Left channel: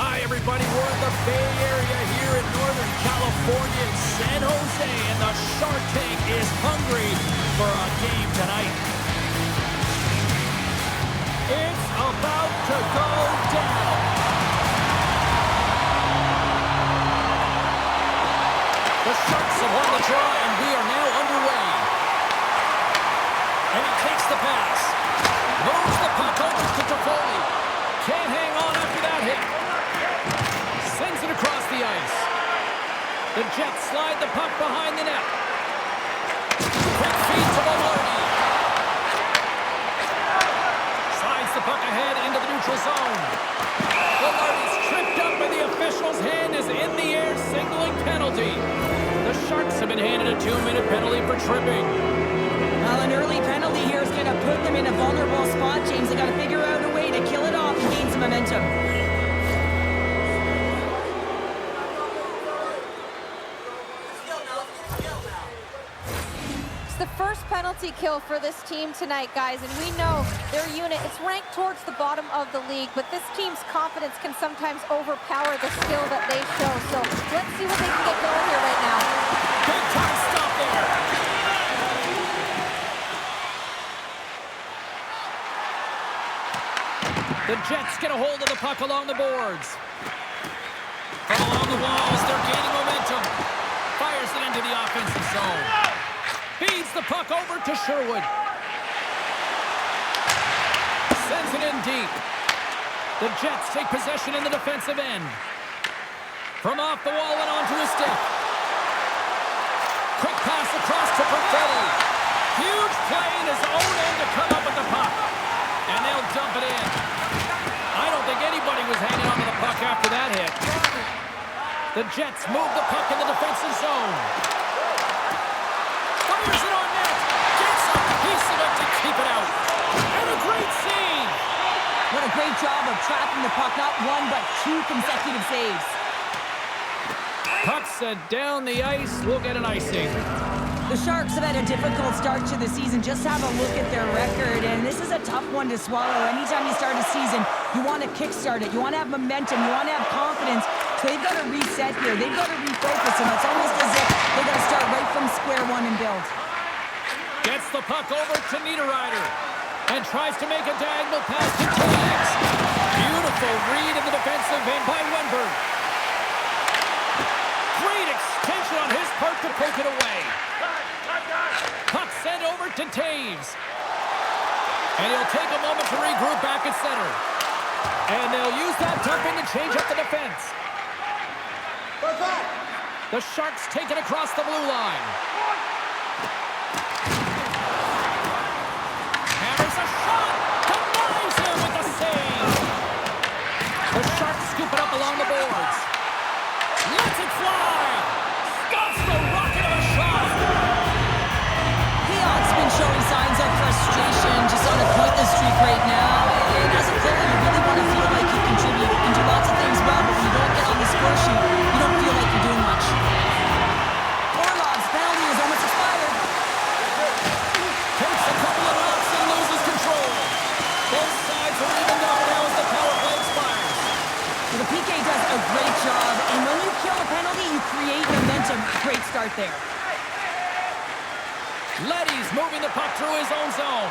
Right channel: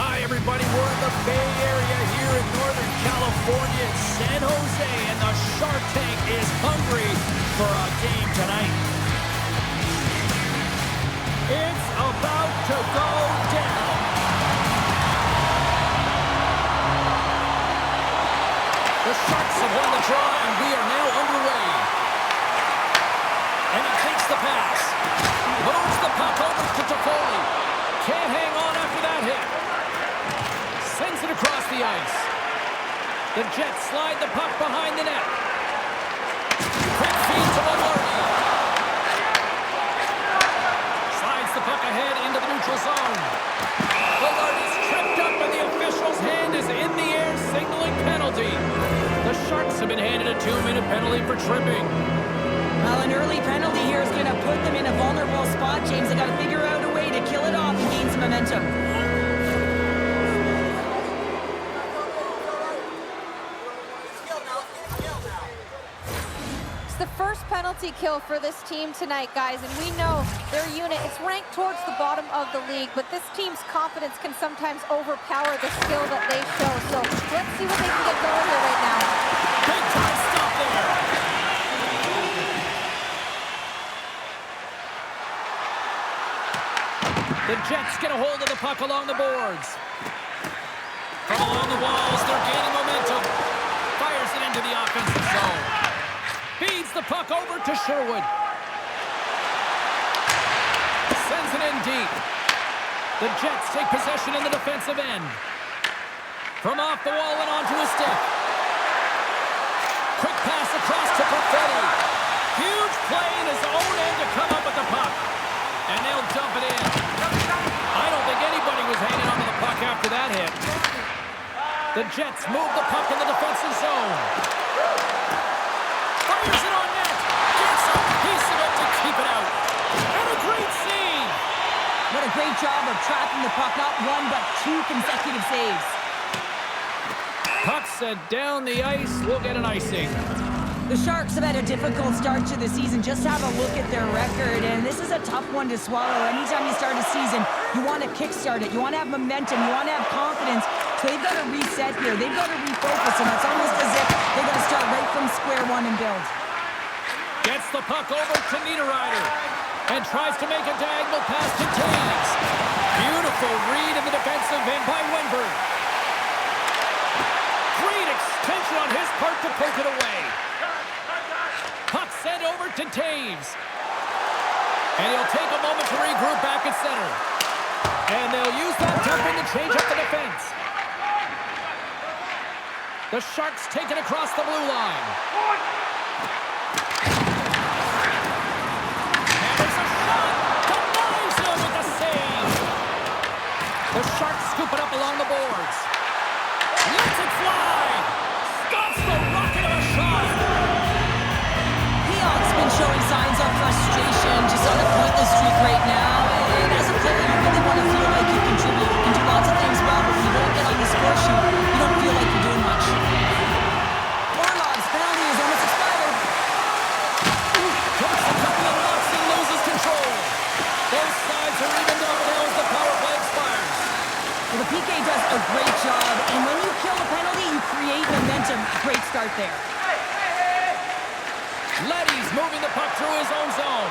Hi, everybody. We're in the Bay Area here in Northern California in San Jose, and the Shark Tank is hungry for a game tonight. It's about to go down. The Sharks have won the draw, and we are now underway. And he takes the pass. Moves the puck over to Toffoli. Can't hang on after that hit. Sends it across the ice. The Jets slide the puck behind the net. Quick feed to Velarde. Slides the puck ahead into the neutral zone. Velarde's tripped up and the official's hand is in the air signaling penalty. The Sharks have been handed a 2-minute penalty for tripping. Well, an early penalty here is going to put them in a vulnerable spot, James. They got to figure out a way to kill it off and gain some momentum. It's the first penalty kill for this team tonight, guys, and we know their unit, it's ranked towards the bottom of the league, but this team's confidence can sometimes overpower the skill that they show. So let's see what they can get going here right now. Big time stop there. The Jets get a hold of the puck along the boards. From along the walls, they're gaining momentum. Fires it into the offensive zone. Feeds the puck over to Sherwood. Sends it in deep. The Jets take possession in the defensive end. From off the wall and onto his stick. Quick pass across to Perfetti. Huge play in his own end to come up with the puck. And they'll dump it in. I don't think anybody was hanging on to the puck after that hit. The Jets move the puck in the defensive zone. Fires it on net. Gets a piece of it to keep it out. And a great save. What a great job of trapping the puck. Not one, but two consecutive saves. Puck sent down the ice. We'll get an icing. The Sharks have had a difficult start to the season. Just have a look at their record, and this is a tough one to swallow. Anytime you start a season, you want to kickstart it. You want to have momentum. You want to have confidence. So they've got to reset here. They've got to refocus, and it's almost as if they've got to start right from square one and build. Gets the puck over to Niederreiter and tries to make a diagonal pass to Taves. Beautiful read in the defensive end by Wenberg. Great extension on his part to poke it away. Puck sent over to Taves. And he'll take a moment to regroup back at center. And they'll use that dump-in to change up the defense. The Sharks take it across the blue line. Hammers a shot. Denies him with the save. The Sharks scoop it up along the boards. Lets it fly. Stops the rocket of a shot. He's been showing signs of frustration, just on a pointless streak right now. And as a player, you really want to feel like you contribute. You can do lots of things well, but when you don't get on the score sheet, you don't feel like you're doing much. Orlov's penalty is almost expired. Takes a couple of knocks and loses control. Both sides are evened up now as the power play expires. Well, the PK does a great job, and when you kill a penalty, you create momentum. Great start there. Leddy's moving the puck through his own zone.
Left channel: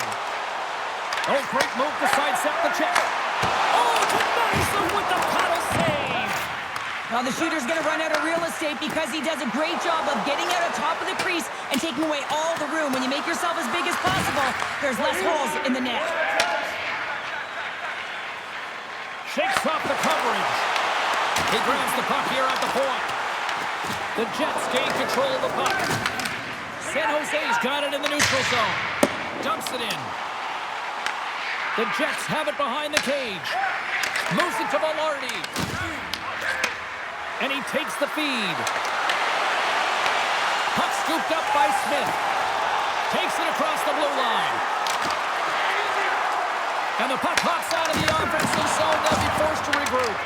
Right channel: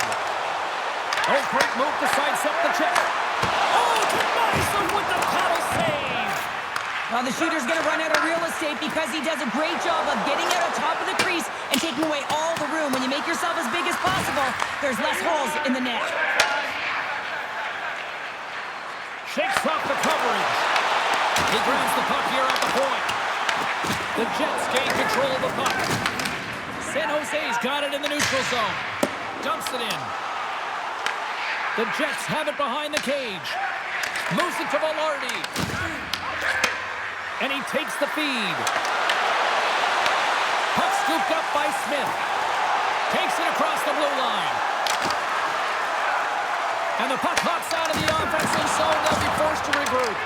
Oh, great move to sidestep the check. Oh, denies him with the paddle save. Well, the shooter's going to run out of real estate because he does a great job of getting out on top of the crease and taking away all the room. When you make yourself as big as possible, there's less holes in the net. Shakes off the coverage. He grabs the puck here at the point. The Jets gain control of the puck. San Jose's got it in the neutral zone. Dumps it in. The Jets have it behind the cage. Moves it to Velarde. And he takes the feed. Puck scooped up by Smith. Takes it across the blue line. And the puck hops out of the offensive zone. They'll be forced to regroup.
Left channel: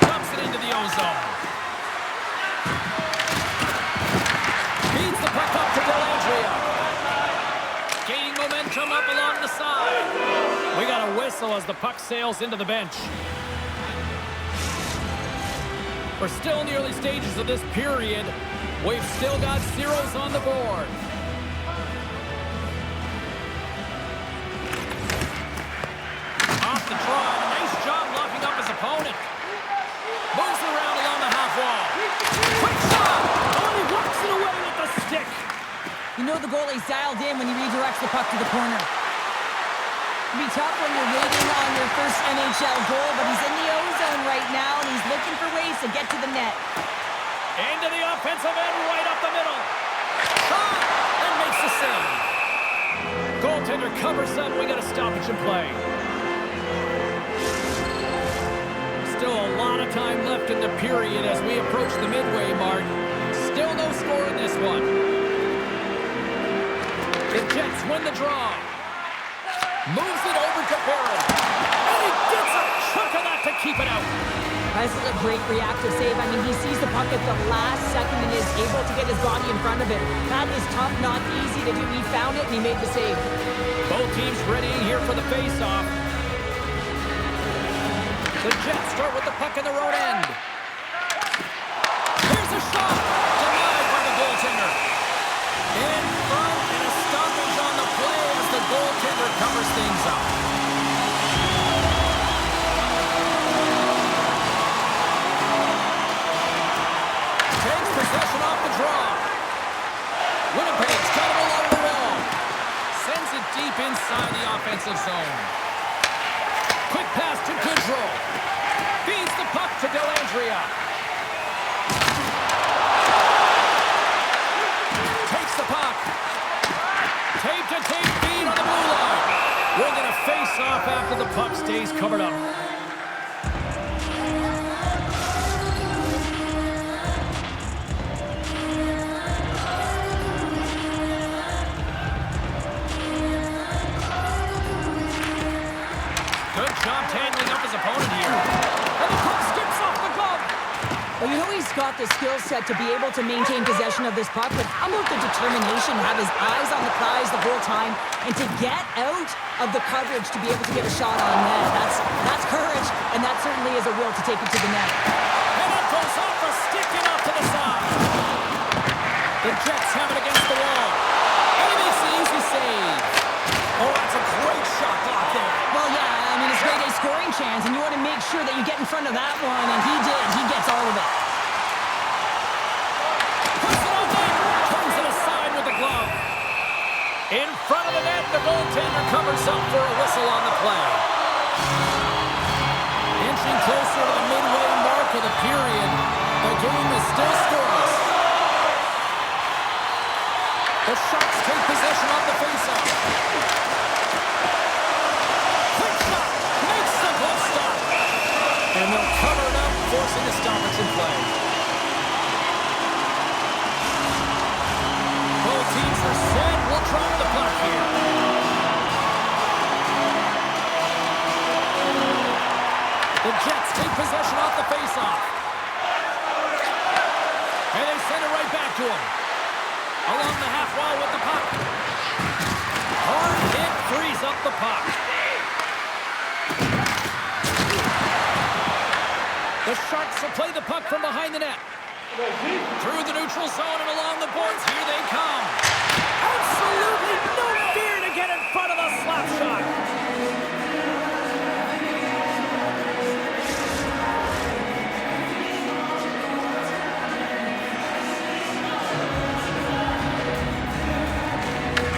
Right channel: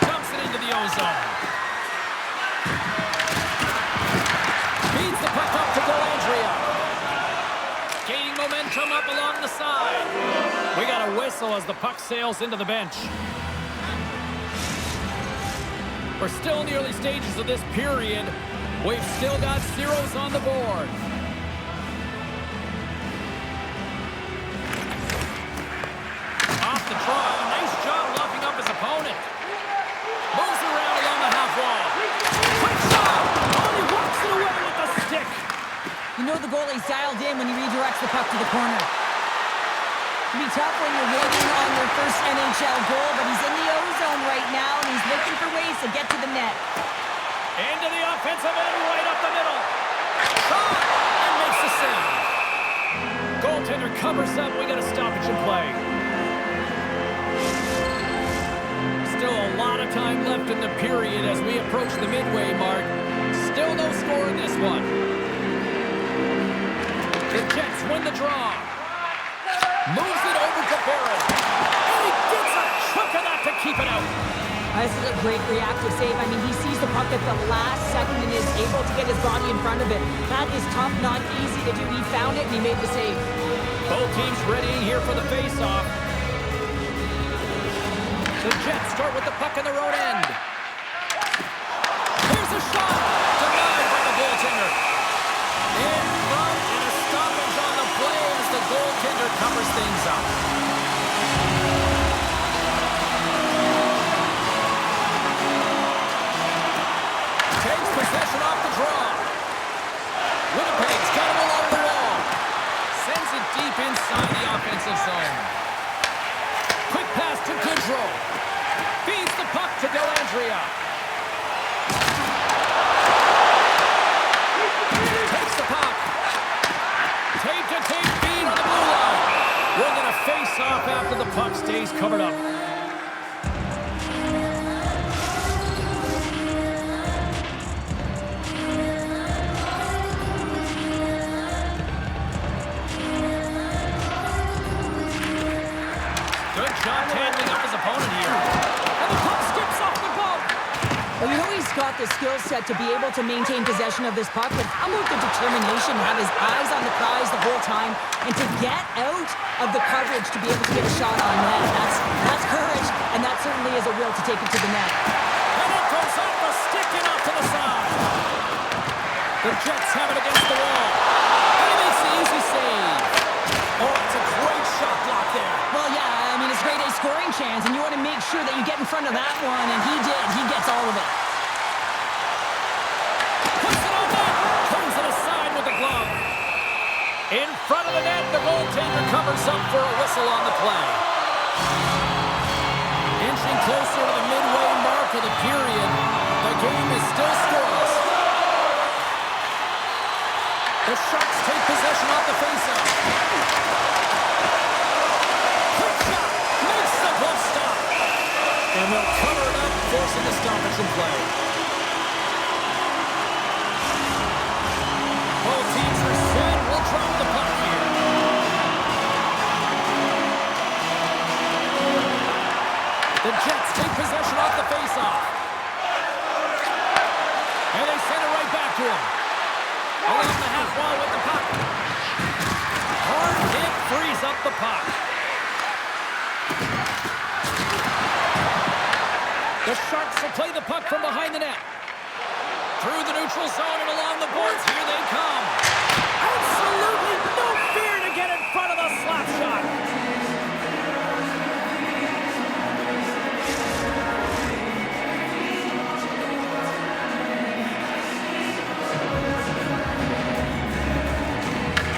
Dumps it into the O-zone. Feeds the puck up to Dellandrea. Gaining momentum up along the side. We got a whistle as the puck sails into the bench. We're still in the early stages of this period. We've still got zeros on the board. Off the draw. Nice job locking up his opponent. Moves around along the half wall. Quick shot! Oh, and he walks it away with the stick. You know the goalie's dialed in when he redirects the puck to the corner. It'd be tough when you're waiting on your first NHL goal, but he's in the O-zone right now, and he's looking for ways to get to the net. Into the offensive end, right up the middle. Shot! And makes the save. Goaltender covers up. We got a stoppage in play. Still a lot of time left in the period as we approach the midway mark. Still no score in this one. The Jets win the draw. Moves it over to Barron. And he gets a chunk of that to keep it out. This is a great reactive save. I mean, he sees the puck at the last second and is able to get his body in front of it. That is tough, not easy to do. He found it and he made the save. Both teams readying here for the face-off. The Jets start with the puck in their own end. Here's a shot. Denied by the goaltender. In front and a stoppage on the play as the goaltender covers things up. Takes possession off the draw. Winnipeg's got him along the wall. Sends it deep inside the offensive zone. Quick pass to Goodrow. Feeds the puck to Dellandrea. Takes the puck. Tape-to-tape feed on the blue line. We're going to face off after the puck stays covered up. Good job handling up his opponent here. And the puck skips off the glove. Well, you know he's got the skill set to be able to maintain possession of this puck, but how about the determination to have his eyes on the prize the whole time and to get out of the coverage to be able to get a shot on net? That's courage, and that certainly is a will to take it to the net. And it goes off the stick and off to the side. The Jets have it against the wall. And he makes the easy save. Oh, that's a great shot block there. Well, yeah, I mean, it's grade A scoring chance, and you want to make sure that you get in front of that one, and he did. He gets all of it. Puts it on net. Turns it aside with the glove. In front of the net, the goaltender covers up for a whistle on the play. Inching closer to the midway mark of the period. The game is still scoreless. The Sharks take possession off the faceoff. Quick shot. Makes the glove stop. And they'll cover it up, forcing a stoppage in play. Both teams are set. We'll drop the puck here. The Jets take possession off the faceoff. And they send it right back to him. Along the half wall with the puck. Hard hit frees up the puck. The Sharks will play the puck from behind the net. Through the neutral zone and along the boards. Here they come. Absolutely no fear to get in front of the slap shot.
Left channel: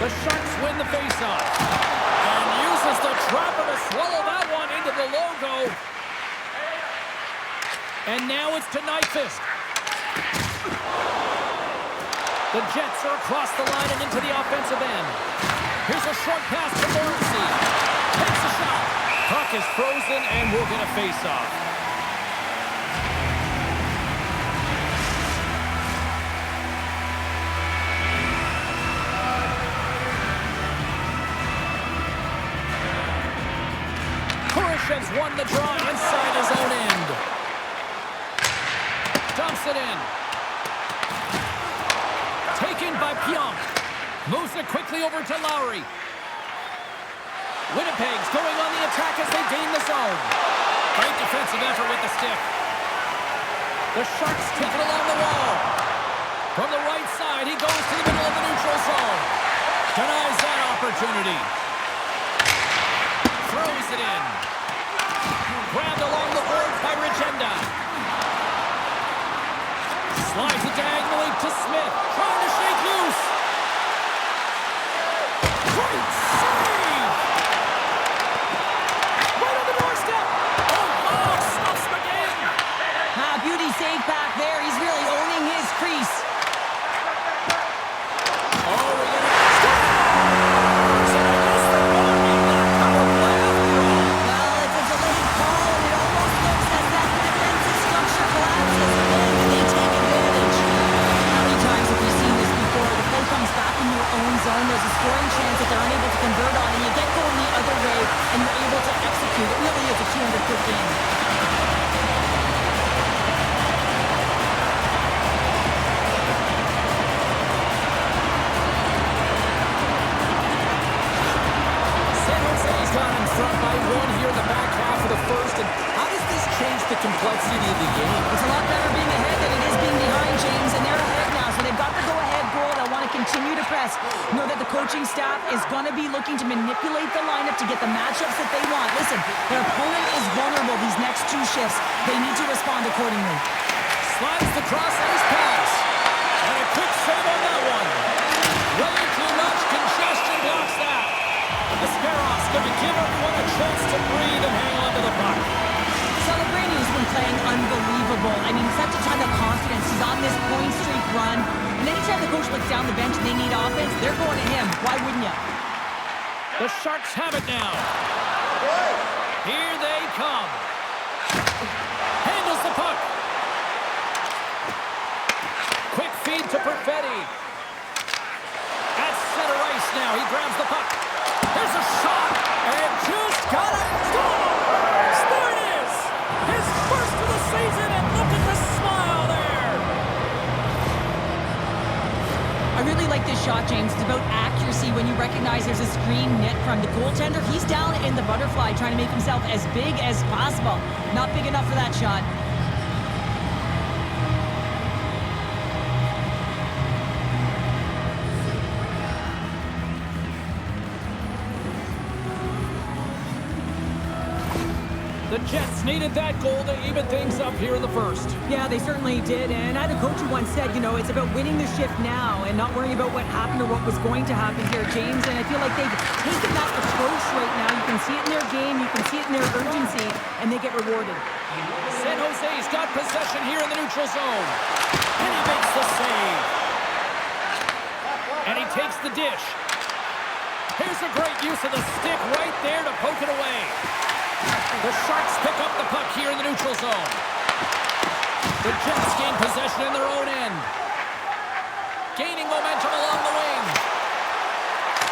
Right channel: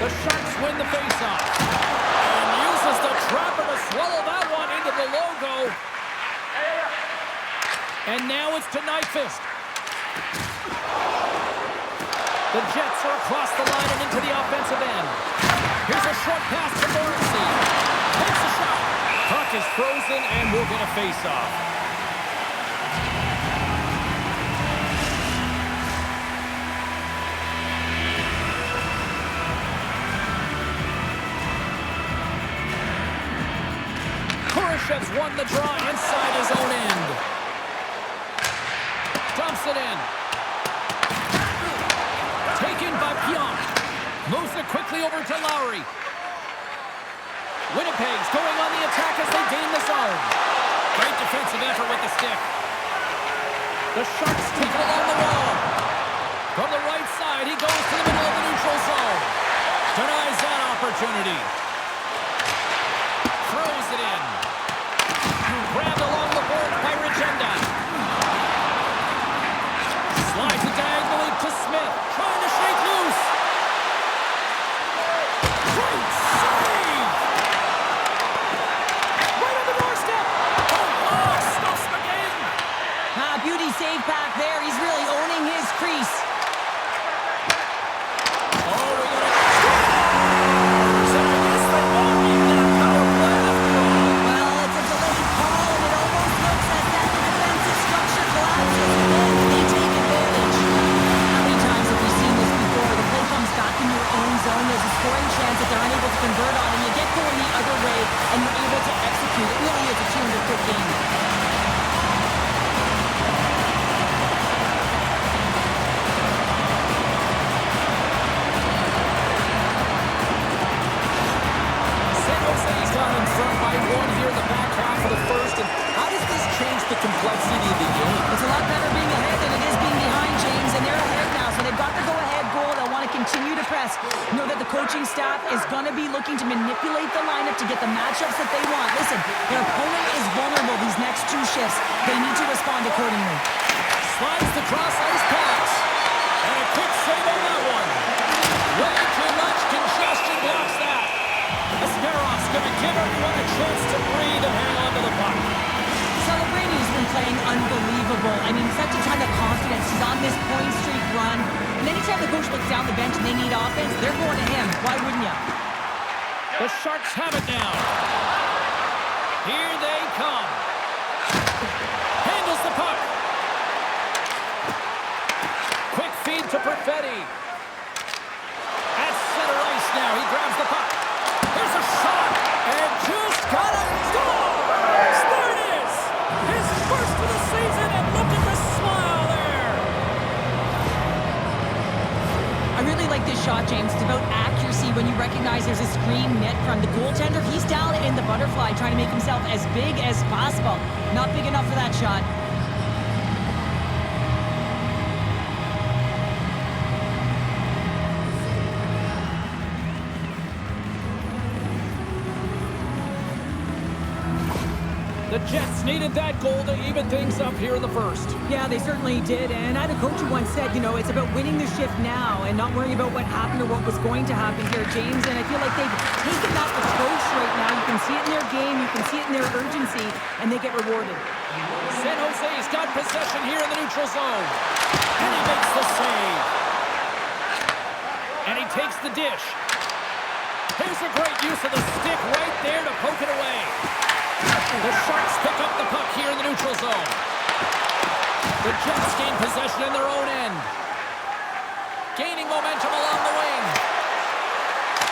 The Sharks win the faceoff and uses the trapper to swallow that one into the logo. And now it's to Nyquist. The Jets are across the line and into the offensive end. Here's a short pass to Morrissey. Takes a shot. Puck is frozen and we'll get a faceoff. Kurashev's won the draw inside his own end. Dumps it in. Taken by Pionk. Moves it quickly over to Lowry. Winnipeg's going on the attack as they gain the zone. Great defensive effort with the stick. The Sharks take it along the wall. From the right side, he goes to the middle of the neutral zone. Denies that opportunity. Throws it in. Grabbed along the boards by Regenda. Slides it diagonally to Smith. Trying to shake loose. Great save! Right on the doorstep. Oh, wow! Stuffs again. Beauty save back there. He's really owning his crease. Oh, we're going to scores! And I guess they won't need that power play after all. Well, it's a delayed call, and it almost looks as that the defensive structure collapses. Then they take advantage. How many times have we seen this before? The play comes back in your own zone. There's a scoring chance that they're unable to convert on, and you get going the other way, and you're able to execute. It really is a 200-foot game. Gone in front by one here in the back half of the first. And how does this change the complexity of the game? It's a lot better being ahead than it is being behind, James, and they're ahead now, so they've got the go-ahead goal. They'll want to continue to press. Know that the coaching staff is going to be looking to manipulate the lineup to get the matchups that they want. Listen, their opponent is vulnerable these next two shifts. They need to respond accordingly. Slides the cross-ice pass. And a quick save on that one. Way too much congestion blocks that. Askarof's going to give everyone a chance to breathe and hang on to the puck. Celebrating has been playing unbelievable. I mean, such a ton of confidence. He's on this point streak run. And anytime the coach looks down the bench and they need offense, they're going to him. Why wouldn't you? The Sharks have it now. Here they come. Handles the puck. Quick feed to Perfetti. At center ice now. He grabs the puck. Here's a shot, and just got it. Scores! There it is! His first of the season, and look at the smile there! I really like this shot, James. It's about accuracy when you recognize there's a screen net from the goaltender. He's down in the butterfly trying to make himself as big as possible. Not big enough for that shot. The Jets needed that goal to even things up here in the first. Yeah, they certainly did. And I had a coach who once said, you know, it's about winning the shift now and not worrying about what happened or what was going to happen here, James. And I feel like they've taken that approach right now. You can see it in their game. You can see it in their urgency. And they get rewarded. San Jose's got possession here in the neutral zone. And he makes the save. And he takes the dish. Here's a great use of the stick right there to poke it away. The Sharks pick up the puck here in the neutral zone. The Jets gain possession in their own end. Gaining momentum along the wing.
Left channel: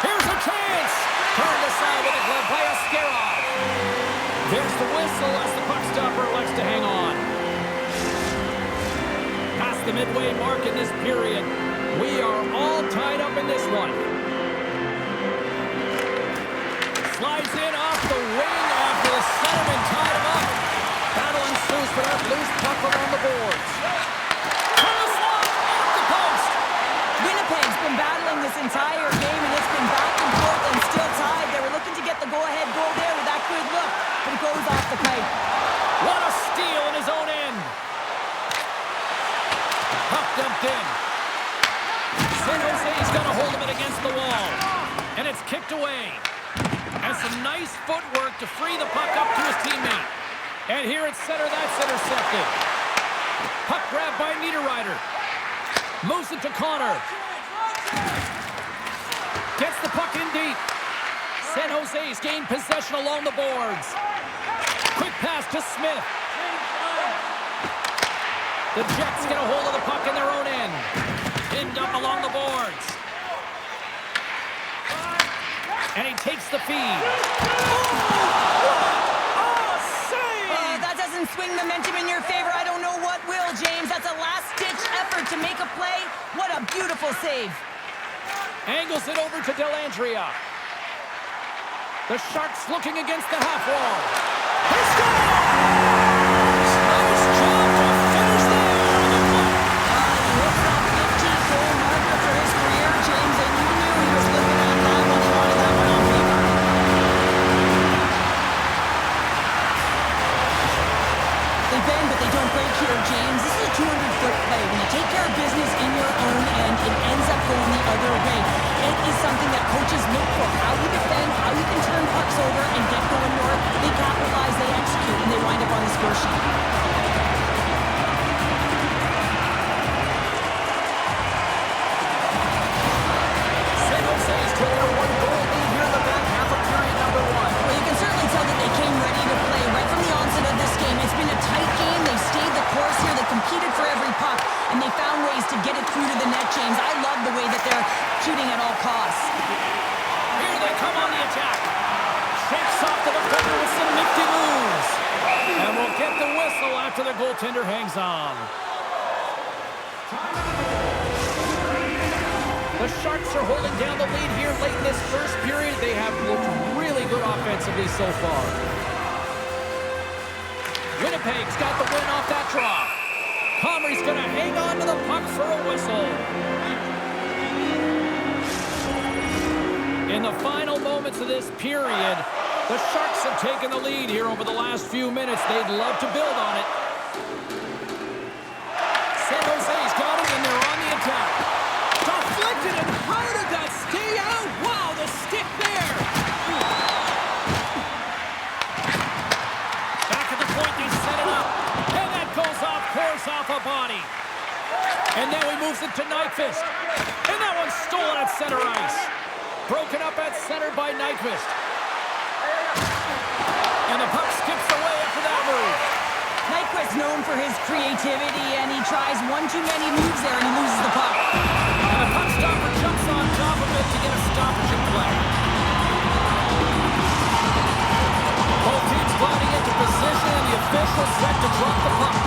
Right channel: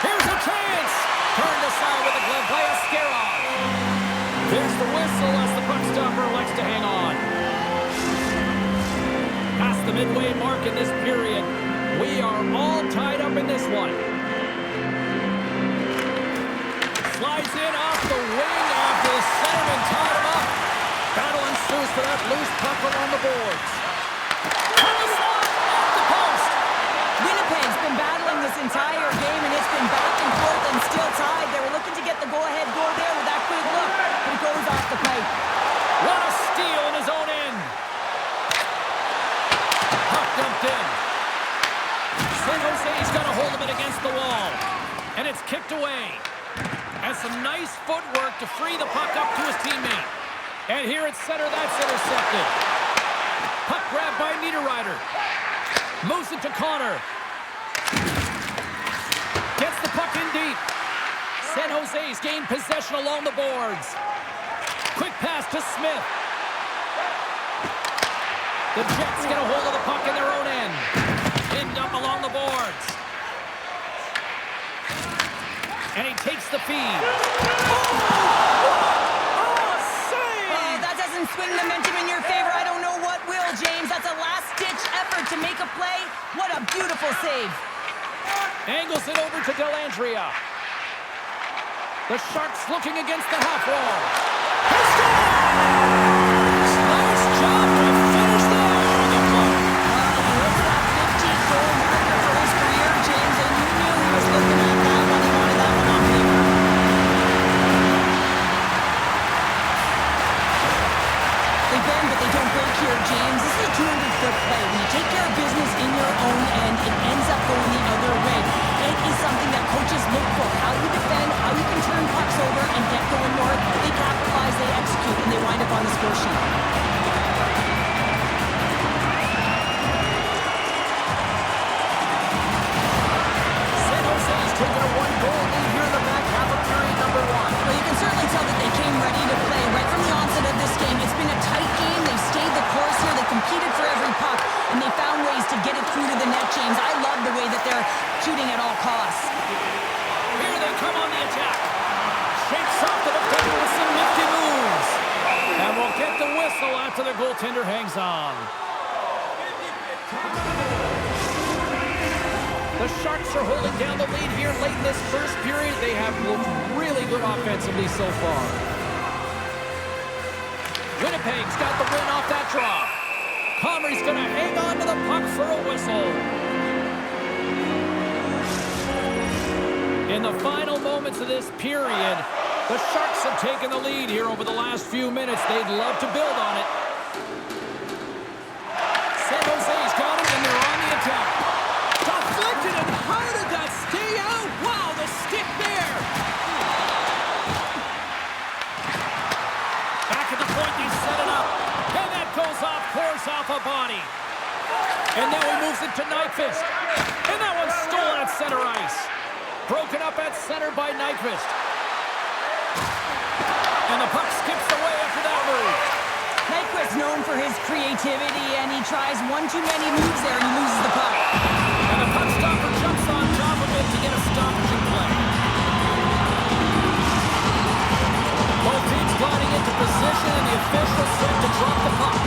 Here's a chance. Turned aside with a glove by Askarov. There's the whistle as the puck stopper elects to hang on. Past the midway mark in this period. We are all tied up in this one. Slides in off the wing after the centerman tied him up. Battle ensues for that loose puck along the boards. From the slot, off the post. Winnipeg's been battling this entire game, and it's been back and forth and still tied. They were looking to get the go-ahead goal there with that good look, but it goes off the plate. What a steal in his own end. Puck dumped in. San Jose's got a hold of it against the wall. And it's kicked away. And some nice footwork to free the puck up to his teammate. And here at center, that's intercepted. Puck grabbed by Niederreiter. Moves it to Connor. Gets the puck in deep. San Jose's gained possession along the boards. Quick pass to Smith. The Jets get a hold of the puck in their own end. Pinned up along the boards. And he takes the feed. Oh, what a save! Oh, that doesn't swing momentum in your favor. I don't know what will, James. That's a last-ditch effort to make a play. What a beautiful save. Angles it over to Dellandrea. The Sharks looking against the half wall. He scores! Nice job to finish there on the play. He hits that 15-goal marker for his career, James, and you knew he was looking at that one. He wanted that one on paper. They bend, but they don't break here, James. This is a 200-foot play. When you take care of business in your own end, it ends up going the other way. It is something that coaches look for. How you defend, how you can turn pucks over and get going north. They capitalize, they execute, and they wind up on the score sheet. San Jose's taking a one-goal lead here in the back half of period number 1. Well, you can certainly tell that they came ready to play right from the onset of this game. It's been a tight game. They've stayed the course here. They competed for every puck, and they found ways to get it through to the net, James. I love the way that they're shooting at all costs. Here they come on the attack. Shakes off the defender with some nifty moves. And we'll get the whistle after the goaltender hangs on. The Sharks are holding down the lead here late in this first period. They have looked really good offensively so far. Winnipeg's got the win off that draw. Comrie's going to hang on to the puck for a whistle. In the final moments of this period, the Sharks have taken the lead here over the last few minutes. They'd love to build on it. San Jose's got it, and they're on the attack. Deflected, and how did that stay out? Wow, the stick there. Back at the point, they set it up. And that goes off course off a body. And now he moves it to Nyquist. And that one's stolen at center ice. Broken up at center by Nyquist. And the puck skips away after that move. Nyquist known for his creativity, and he tries one too many moves there, and he loses the puck. And the puck stopper jumps on top of it to get a stoppage in play. Both teams gliding into position, and the official set to drop the puck.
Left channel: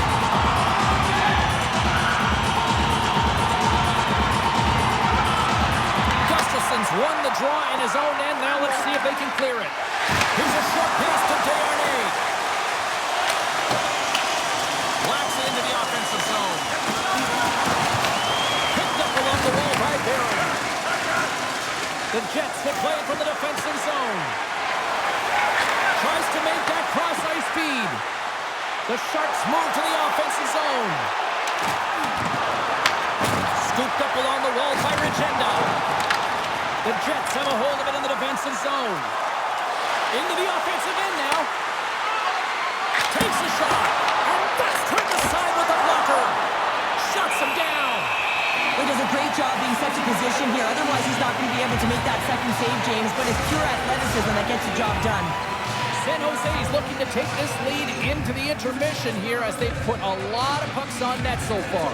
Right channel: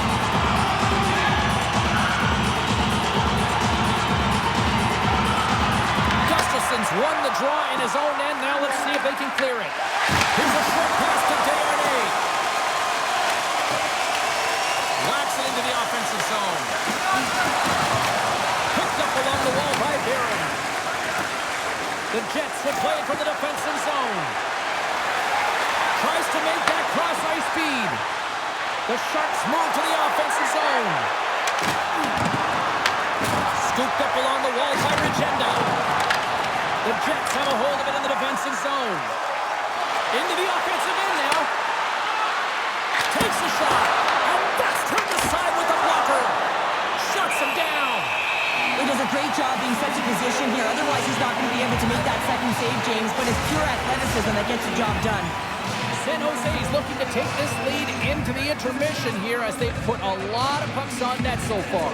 Gustafson's won the draw in his own end. Now let's see if they can clear it. Here's a short pass to Desharnais. Whacks it into the offensive zone. Picked up along the wall by Barron. The Jets will play it from the defensive zone. Tries to make that cross-ice feed. The Sharks move to the offensive zone. Scooped up along the wall by Regenda. The Jets have a hold of it in the defensive zone. Into the offensive end now. Takes a shot. And that's turned aside with a blocker. Shuts him down. He does a great job being set to position here. Otherwise, he's not going to be able to make that second save, James. But it's pure athleticism that gets the job done. San Jose is looking to take this lead into the intermission here as they've put a lot of pucks on net so far.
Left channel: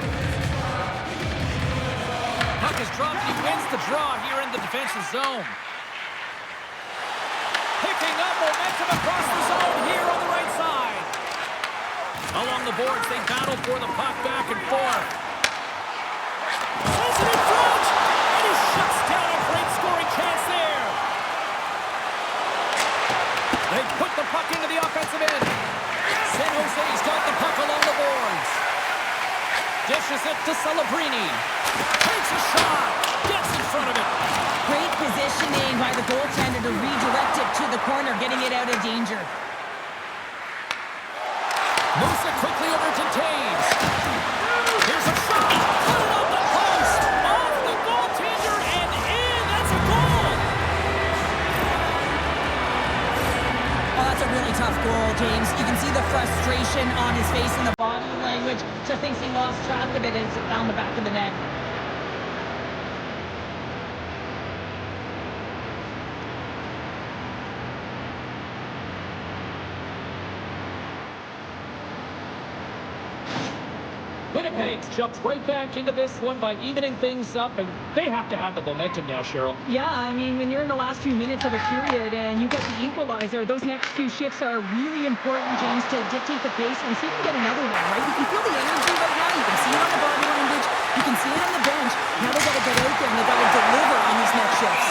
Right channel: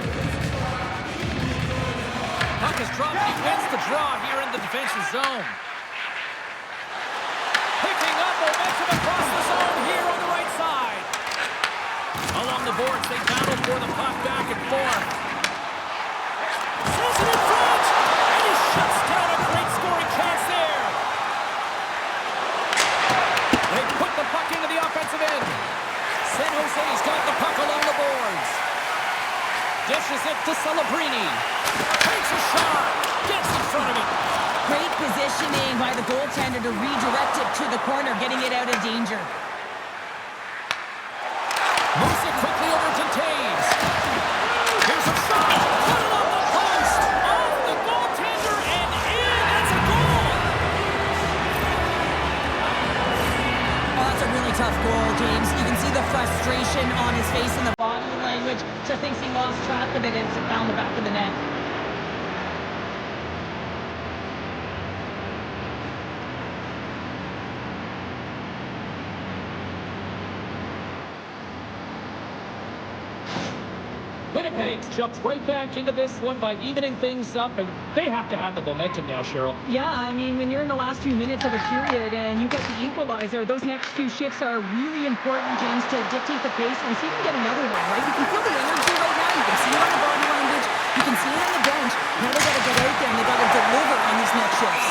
Puck is dropped, and he wins the draw here in the defensive zone. Picking up momentum across the zone here on the right side. Along the boards, they battle for the puck back and forth. Sends it in front, and he shuts down a great scoring chance there. They put the puck into the offensive end. San Jose's got the puck along the boards. Dishes it to Celebrini. Takes a shot. Gets in front of it. Great positioning by the goaltender to redirect it to the corner, getting it out of danger. Moves it quickly over to Taves. Here's a shot. Put it off the post. Off the goaltender and in. That's a goal. Oh, that's a really tough goal, James. You can see the frustration on his face in the body language. Just thinks he lost track of it and it found the back of the net. Winnipeg jumps right back into this one by evening things up, and they have to have the momentum now, Cheryl. Yeah, I mean, when you're in the last few minutes of a period and you get the equalizer, those next few shifts are really important, James, to dictate the pace and see if you can get another one, right? You can feel the energy right now. You can see it on the body language. You can see it on the bench. Now they got to get out there and they got to deliver on these next shifts.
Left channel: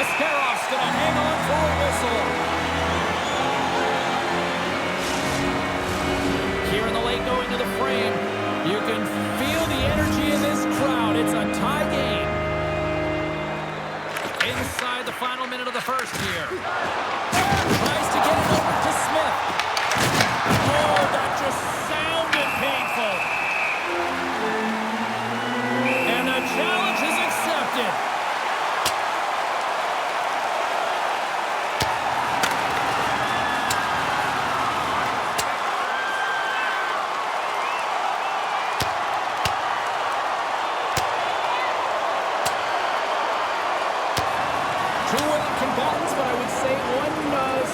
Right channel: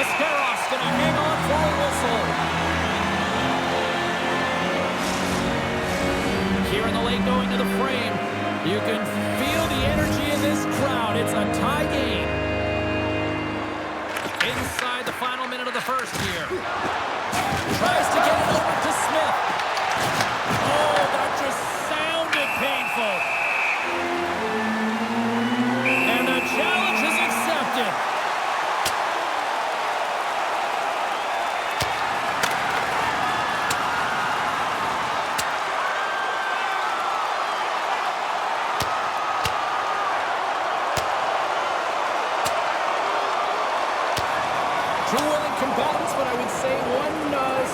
Ascarov's going to hang on for a whistle. Here in the late going to the frame, you can feel the energy in this crowd. It's a tie game. Inside the final minute of the first here. Tries to get it over to Smith. Oh, that just sounded painful. And the challenge is accepted. Two willing combatants, but I would say one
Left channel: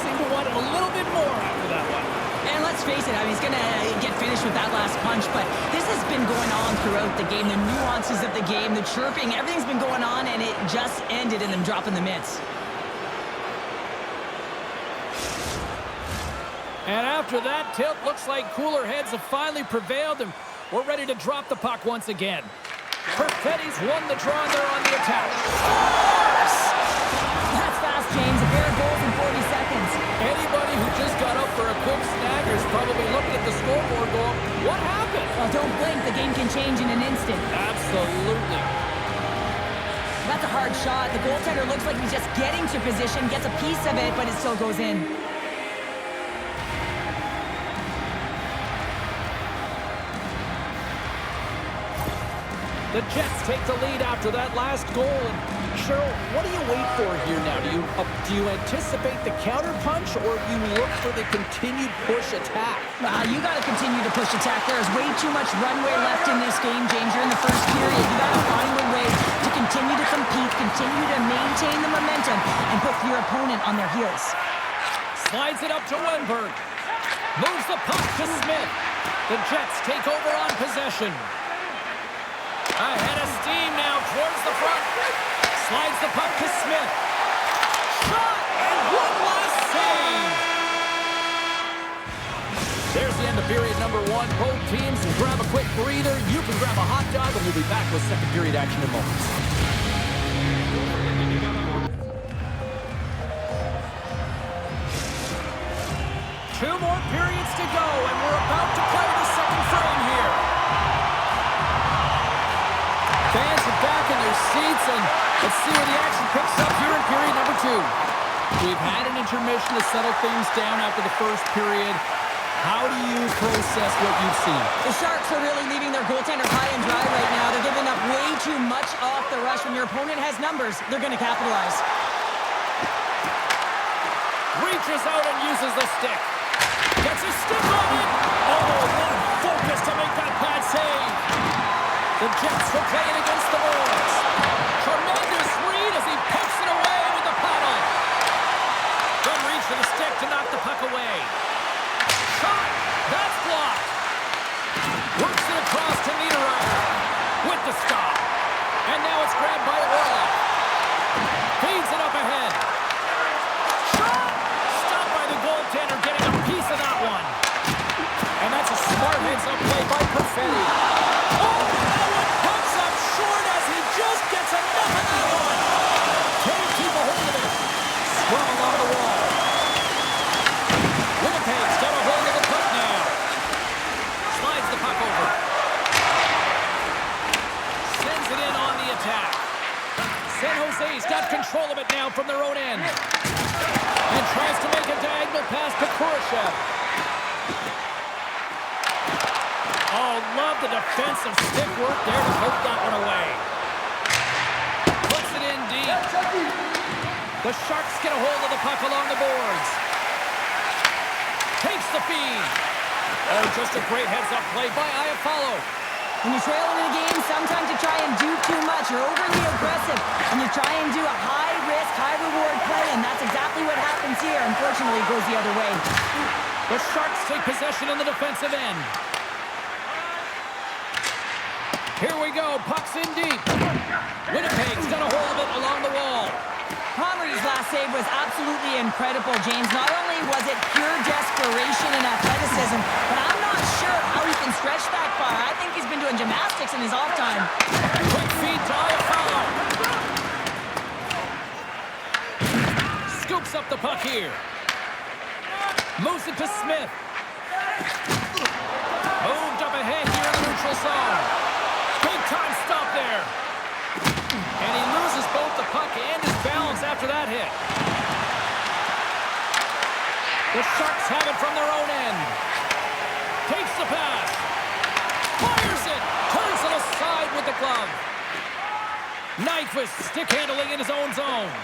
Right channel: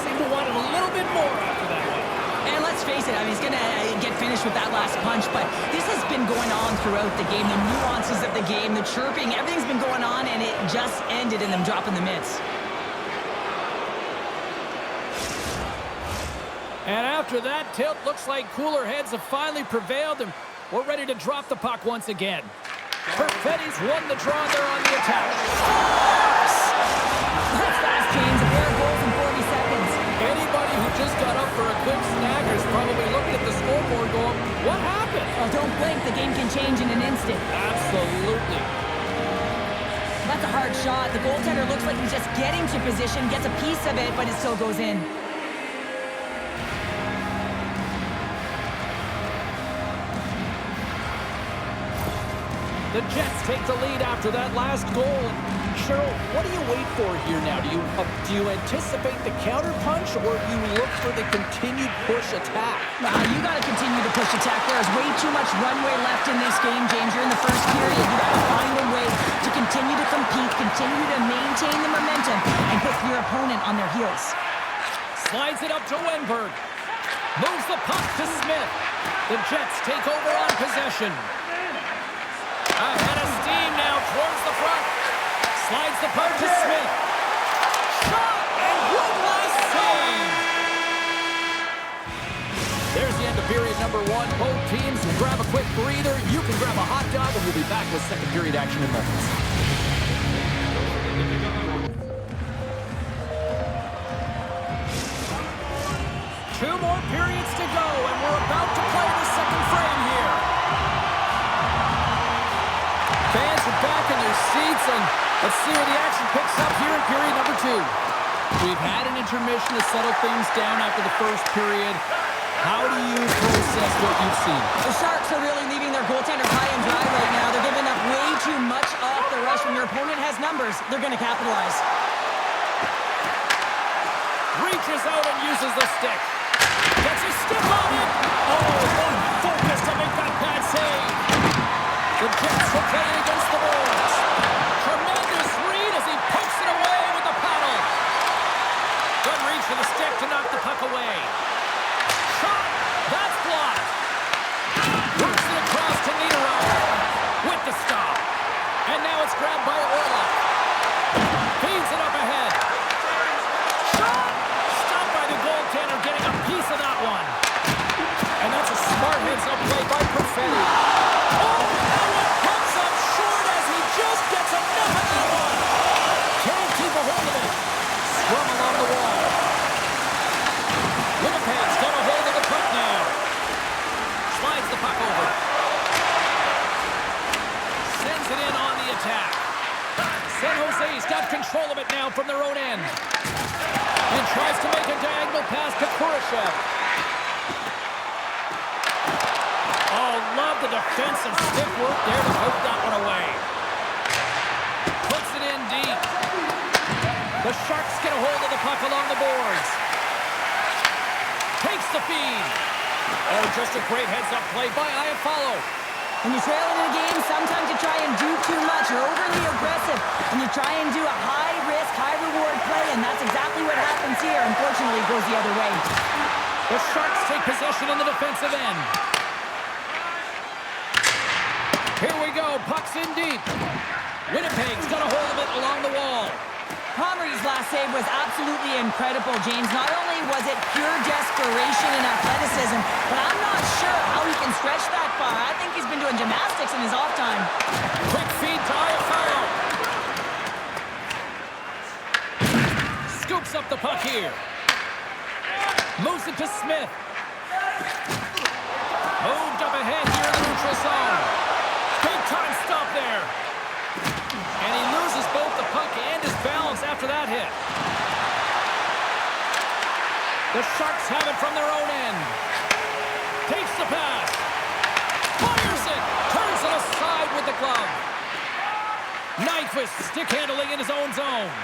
seemed to want it a little bit more after that one. And let's face it, I mean, he's going to get finished with that last punch, but this has been going on throughout the game. The nuances of the game, the chirping, everything's been going on, and it just ended in them dropping the mitts. And after that tilt, looks like cooler heads have finally prevailed, and we're ready to drop the puck once again. Perfetti's won the draw, and they're on the attack. That's fast, James. A pair of goals in 40 seconds. Anybody who just got up for a quick snack is probably looking at the scoreboard going, what happened? Well, don't blink. The game can change in an instant. Absolutely. That's a hard shot. The goaltender looks like he's just getting to position, gets a piece of it, but it still goes in. The Jets take the lead after that last goal. And Cheryl, what do you wait for here now? Do you anticipate the counter punch, or do you look for the continued push attack? You got to continue to push attack. There is way too much runway left in this game, James. You're in the first period. You got to find a way to continue to compete, continue to maintain the momentum, and put your opponent on their heels. Slides it up to Wenberg. Moves the puck to Smith. The Jets take over on possession. Ahead of steam now towards the front. Slides the puck to Smith. Shot! And one last save! There's the end of period number one. Both teams will grab a quick breather. You can grab a hot dog, and we'll be back with second period action in moments. Two more periods to go, and we're about to play the second frame here. Fans are back in their seats, and let's see where the action picks up here in period number two. We've had an intermission to settle things down after the first period. How do you process what you've seen? The Sharks are really leaving their goaltender high and dry right now. They're giving up way too much off the rush. When your opponent has numbers, they're going to capitalize. Reaches out and uses the stick. Gets his stick on it. Oh, what focus to make that pad save. The Jets will play it against the boards. Tremendous read as he pokes it away with the paddle. Good reach to the stick to knock the puck away. Shot! That's blocked. Works it across to Niederreiter with the stop. And now it's grabbed by Orlov. Feeds it up ahead. Shot! Stopped by the goaltender, getting a piece of that one. And that's a smart heads-up play by Perfetti. Oh, that one comes up short as he just gets enough of that one. Can't keep a hold of it. Scrum along the wall. Winnipeg's got a hold of the puck now. Slides the puck over. Sends it in on the attack. San Jose's got control of it now from their own end. And tries to make a diagonal pass to Kurashev. Oh, love the defensive stick work there to poke that one away. Puts it in deep. The Sharks get a hold of the puck along the boards. Takes the feed. Oh, just a great heads-up play by Iafallo. When you're trailing in a game, sometimes you try and do too much. You're overly aggressive, and you try and do a high-risk, high-reward play, and that's exactly what happens here. Unfortunately, it goes the other way. The Sharks take possession on the defensive end. Here we go, puck's in deep. Winnipeg's got a hold of it along the wall. Comrie's last save was absolutely incredible, James. Not only was it pure desperation and athleticism, but I'm not sure how he can stretch that far. I think he's been doing gymnastics in his off time. Quick feed to Iafallo. Scoops up the puck here. Moves it to Smith. Moved up ahead here in the neutral zone. Big time stop there. And he loses both the puck and his balance after that hit. The Sharks have it from their own end. Takes the pass. Fires it. Turns it aside with the glove. Nyquist stick handling in his own zone.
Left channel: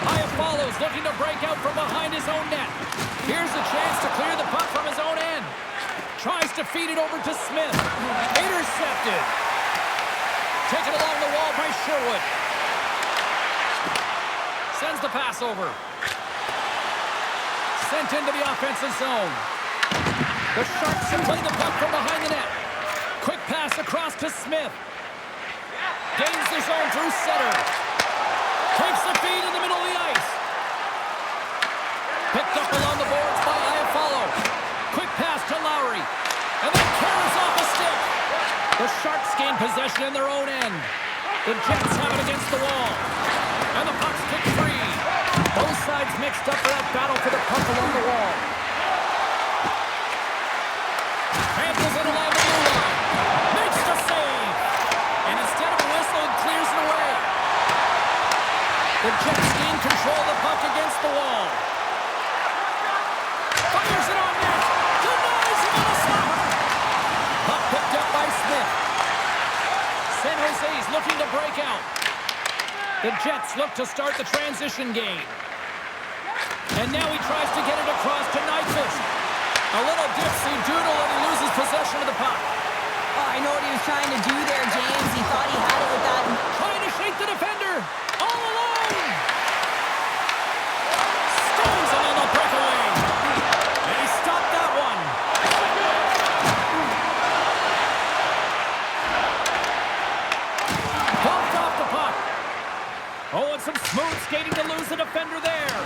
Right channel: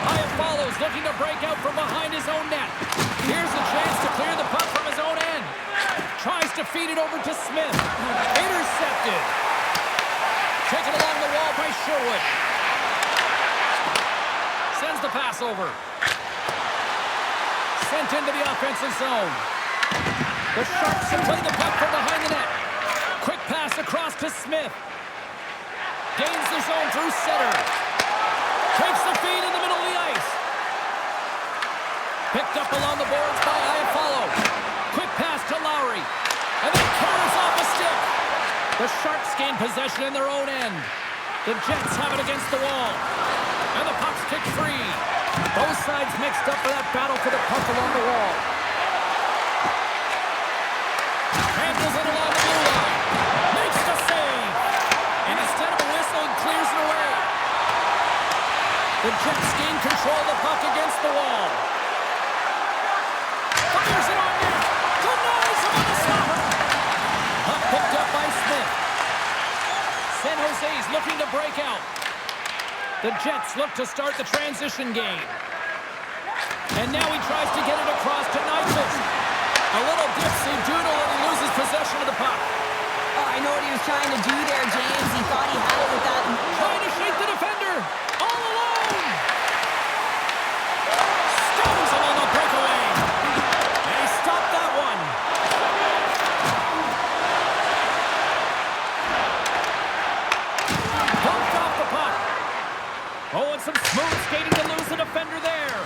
Hyatt follows, looking to break out from behind his own net. Here's a chance to clear the puck from his own end. Tries to feed it over to Smith. Intercepted. Taken along the wall by Sherwood. Sends the pass over. Sent into the offensive zone. The Sharks play the puck from behind the net. Quick pass across to Smith. Gains the zone through center. Takes the feed in the middle of the ice. Picked up along the boards by Iafallo. Quick pass to Lowry. And then carries off a stick. The Sharks gain possession in their own end. The Jets have it against the wall. And the puck's kicked free. Both sides mixed up for that battle for the puck along the wall. Handles it along the blue line. Makes the save. And instead of a whistle, it clears it away. The Jets gain control of the puck against the wall. Fires it on net. Denies him on a slapper. Puck picked up by Smith. San Jose's looking to break out. The Jets look to start the transition game. And now he tries to get it across to Nyquist. A little dipsy doodle and he loses possession of the puck. Oh, I know what he was trying to do there, James. He thought he had it with that. Trying to shake the defender. All alone. Stones him on the breakaway. And he stopped that one. Bumped off the puck. Oh, and some smooth skating to lose the defender there.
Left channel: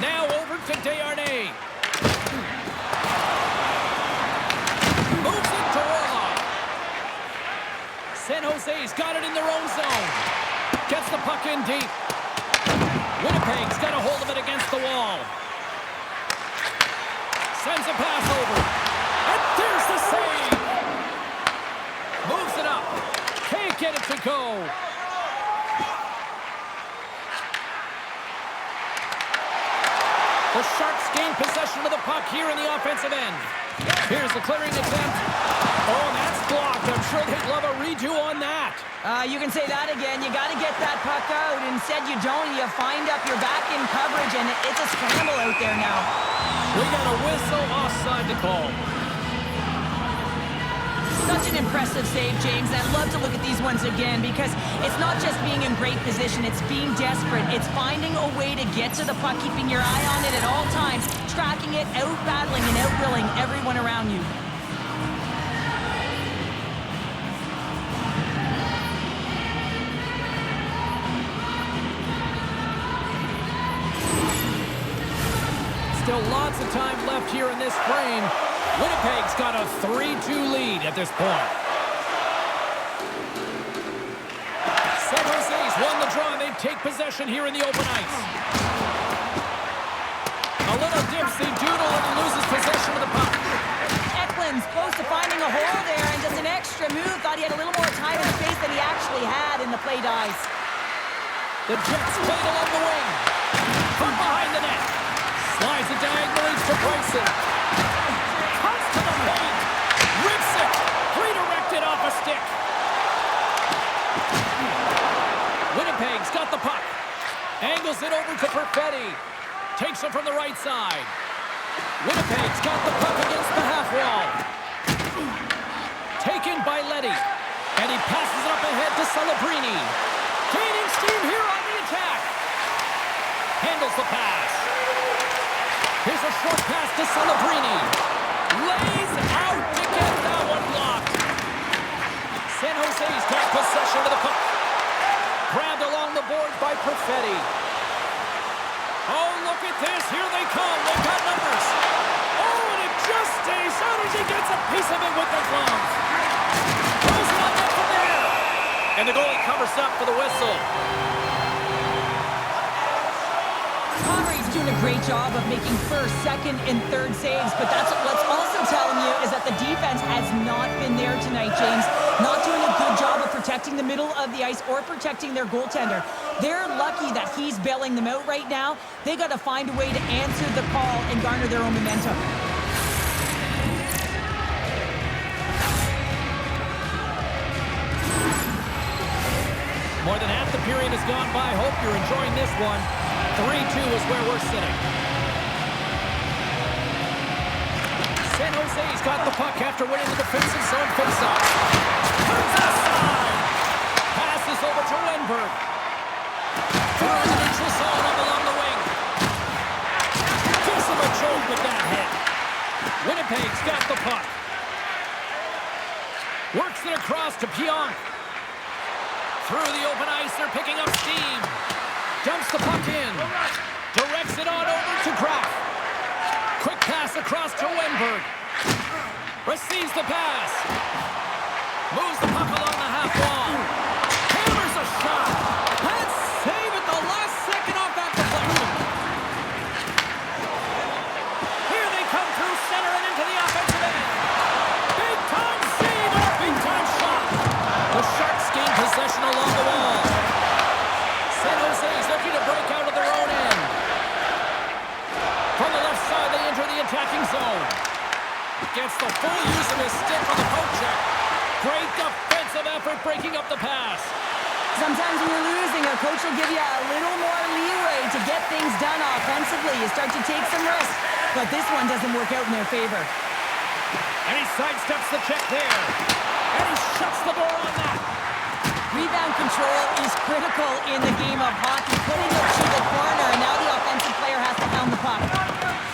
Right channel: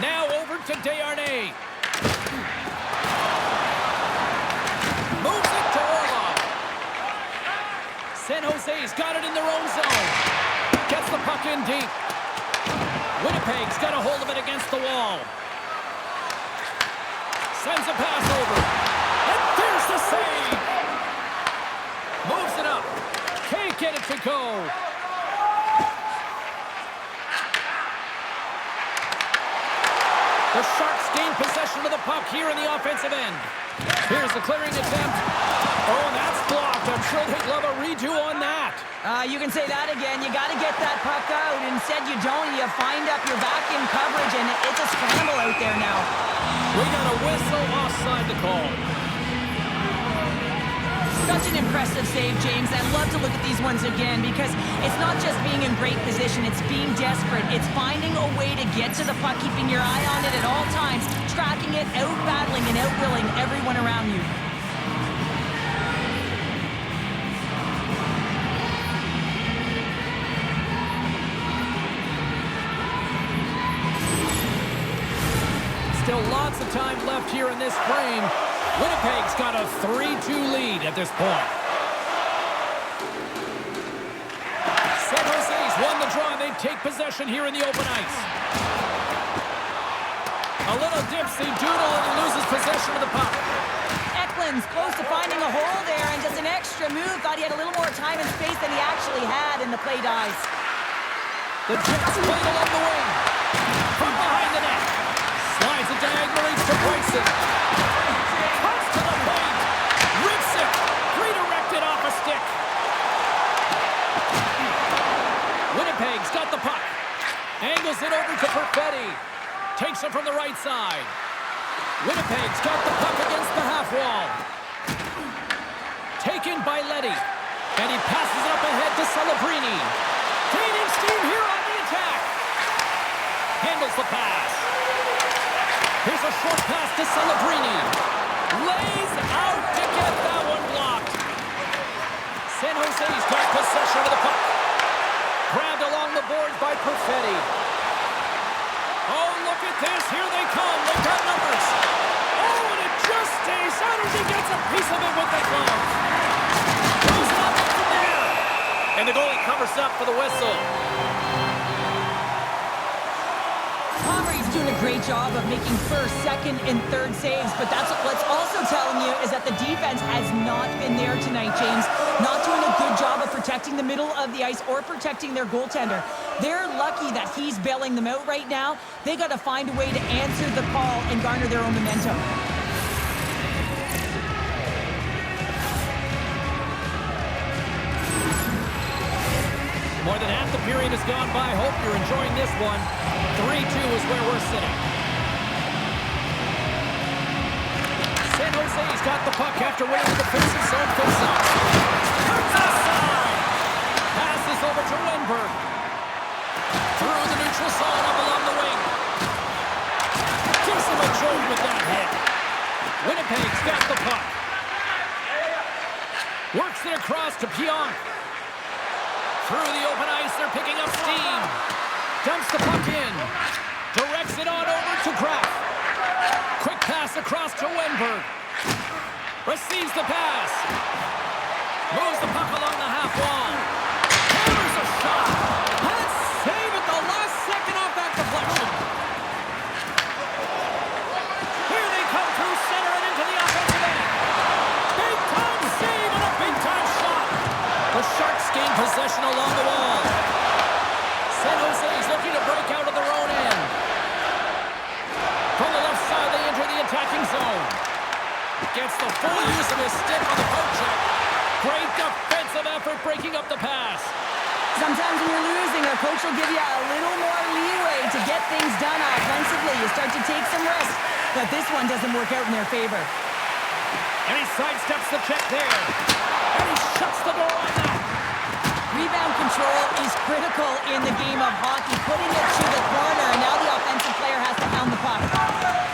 Now over to Desharnais. Moves it to Orlov. San Jose's got it in their own zone. Gets the puck in deep. Winnipeg's got a hold of it against the wall. Sends a pass over. And there's the save. Moves it up. Can't get it to go. The Sharks gain possession of the puck here in the offensive end. Here's the clearing attempt. Oh, that's blocked. I'm sure they'd love a redo on that. You can say that again. You got to get that puck out. Instead, you don't. You find up your back in coverage, and it's a scramble out there now. We got a whistle offside to call. Such an impressive save, James. I'd love to look at these ones again because it's not just being in great position. It's being desperate. It's finding a way to get to the puck, keeping your eye on it at all times, tracking it, out-battling and out-willing everyone around you. Still lots of time left here in this frame. Winnipeg's got a 3-2 lead at this point. San Jose's won the draw and they take possession here in the open ice. A little dipsy doodle and he loses possession of the puck. Eklund's close to finding a hole there and just an extra move. Thought he had a little more time and space than he actually had, and the play dies. The Jets played along the wing. From behind the net. Slides it diagonally to Bryson. Cuts to the paint. Rips it. Redirected off a stick. Winnipeg's got the puck. Angles it over to Perfetti. Takes it from the right side. Winnipeg's got the puck against the half wall. Taken by Leddy. And he passes it up ahead to Celebrini. Gaining steam here on the attack. Handles the pass. Here's a short pass to Celebrini. Lays out to get that one blocked. San Jose's got possession of the puck. Grabbed along the boards by Perfetti. Oh, look at this. Here they come. They've got numbers. Oh, and it just stays out as he gets a piece of it with the glove. Throws it on net from there. And the goalie covers up for the whistle. Jose's doing a great job of making first, second, and third saves, but that's what's also telling you is that the defense has not been there tonight, James. Not doing a good job of protecting the middle of the ice or protecting their goaltender. They're lucky that he's bailing them out right now. They got to find a way to answer the call and garner their own momentum. More than half the period has gone by. Hope you're enjoying this one. 3-2 is where we're sitting. San Jose's got the puck after winning the defensive zone faceoff. Turns aside. Passes over to Wenberg. Through the neutral zone up along the wing. Gives him a jolt with that hit. Winnipeg's got the puck. Works it across to Pionk. Through the open ice, they're picking up steam. Dumps the puck in. Directs it on over to Graf. Quick pass across to Wenberg. Receives the pass. Moves the puck along the half wall. Hammers a shot. And save at the last second off that deflection. Here they come through center and into the offensive end. Big time save and a big time shot. The Sharks gain possession along the wall. San Jose's looking to break out of their own end. From the left side, they enter the attacking zone. Gets the full use of his stick on the poke check. Great defensive effort breaking up the pass. Sometimes when you're losing, a coach will give you a little more leeway to get things done offensively. You start to take some risks, but this one doesn't work out in their favor. And he sidesteps the check there. And he shuts the door on that. Rebound control is critical in the game of hockey. Putting it to the corner, and now the offensive player has to hound the puck.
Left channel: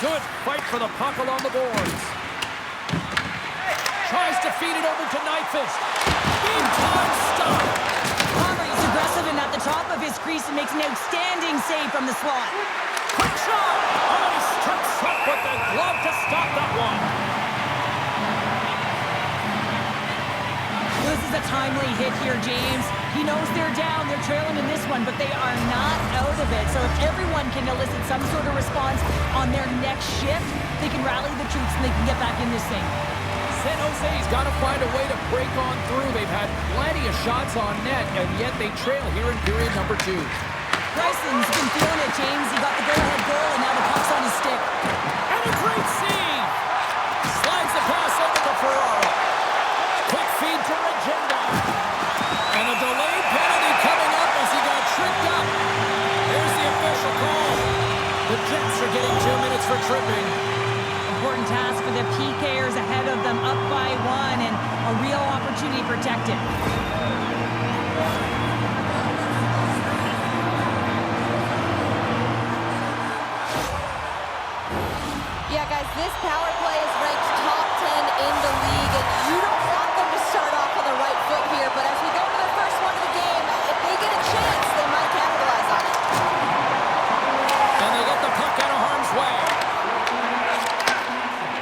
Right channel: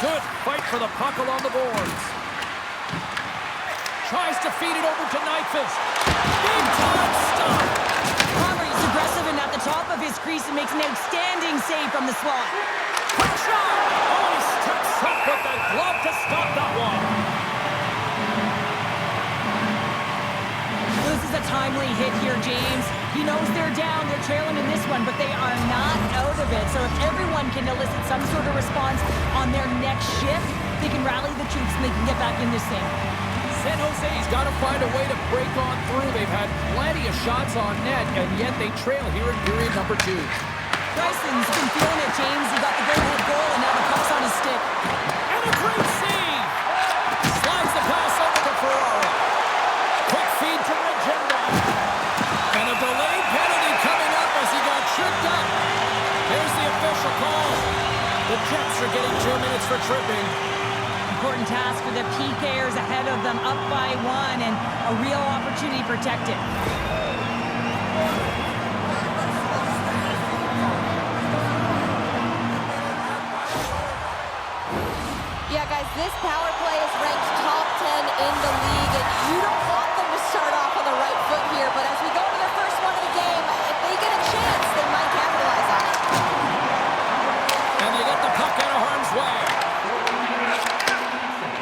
Good fight for the puck along the boards. Tries to feed it over to Nyquist. Big time stop. Palmer is aggressive and at the top of his crease and makes an outstanding save from the slot. Quick shot. Oh, he strips up with the glove to stop that one. This is a timely hit here, James. He knows they're down, they're trailing in this one, but they are not out of it. So if everyone can elicit some sort of response on their next shift, they can rally the troops and they can get back in this thing. San Jose's got to find a way to break on through. They've had plenty of shots on net, and yet they trail here in period number 2. Bryson's been feeling it, James. He got the go-ahead goal, and now the puck's on his stick. And a great save! Slides the pass over to Ferraro. Quick feed to Regenda. And a delayed penalty coming up as he got tripped up. Here's the official call. The Jets are getting 2 minutes for tripping. Important task for the PKers ahead of them, up by 1, and a real opportunity to protect it. Yeah, guys, this power play is ranked top 10 in the league, and you don't want them to start off on the right foot here, but as we go into their first one of the game, if they get a chance, they might capitalize on it. And they get the puck out of harm's way.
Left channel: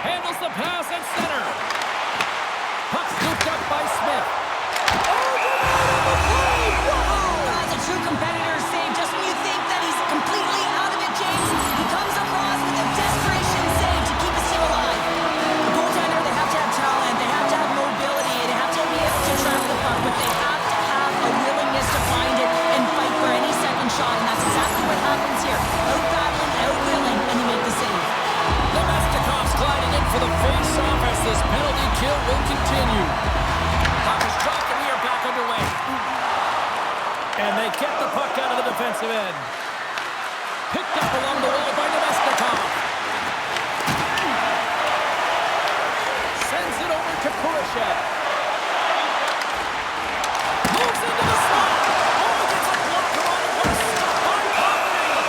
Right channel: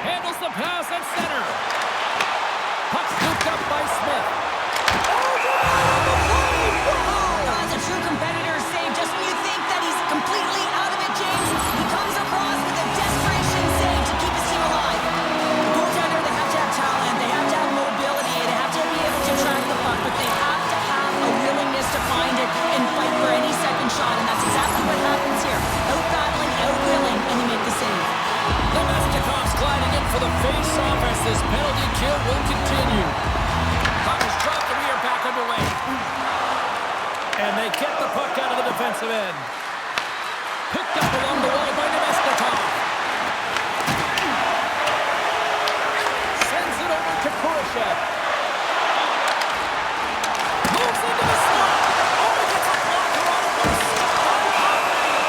Handles the pass at center. Puck scooped up by Smith. Oh, get out of the play! Whoa! That's a true competitor save. Just when you think that he's completely out of it, James, he comes across with a desperation save to keep his team alive. The goaltender, they have to have talent, they have to have mobility, they have to be able to track the puck, but they have to have a willingness to find it and fight for any second shot, and that's exactly what happens here. Out-battling, out-willing, and you make the save. Nemestikov's gliding in for the face-off as this penalty kill will continue. Puck is dropped and we are back underway. And they get the puck out of the defensive end. Picked up along the wall by Nemestikov. Sends it over to Kurashev. Moves into the slot. Oh, he gets a blocker on it. What a stop by Connery.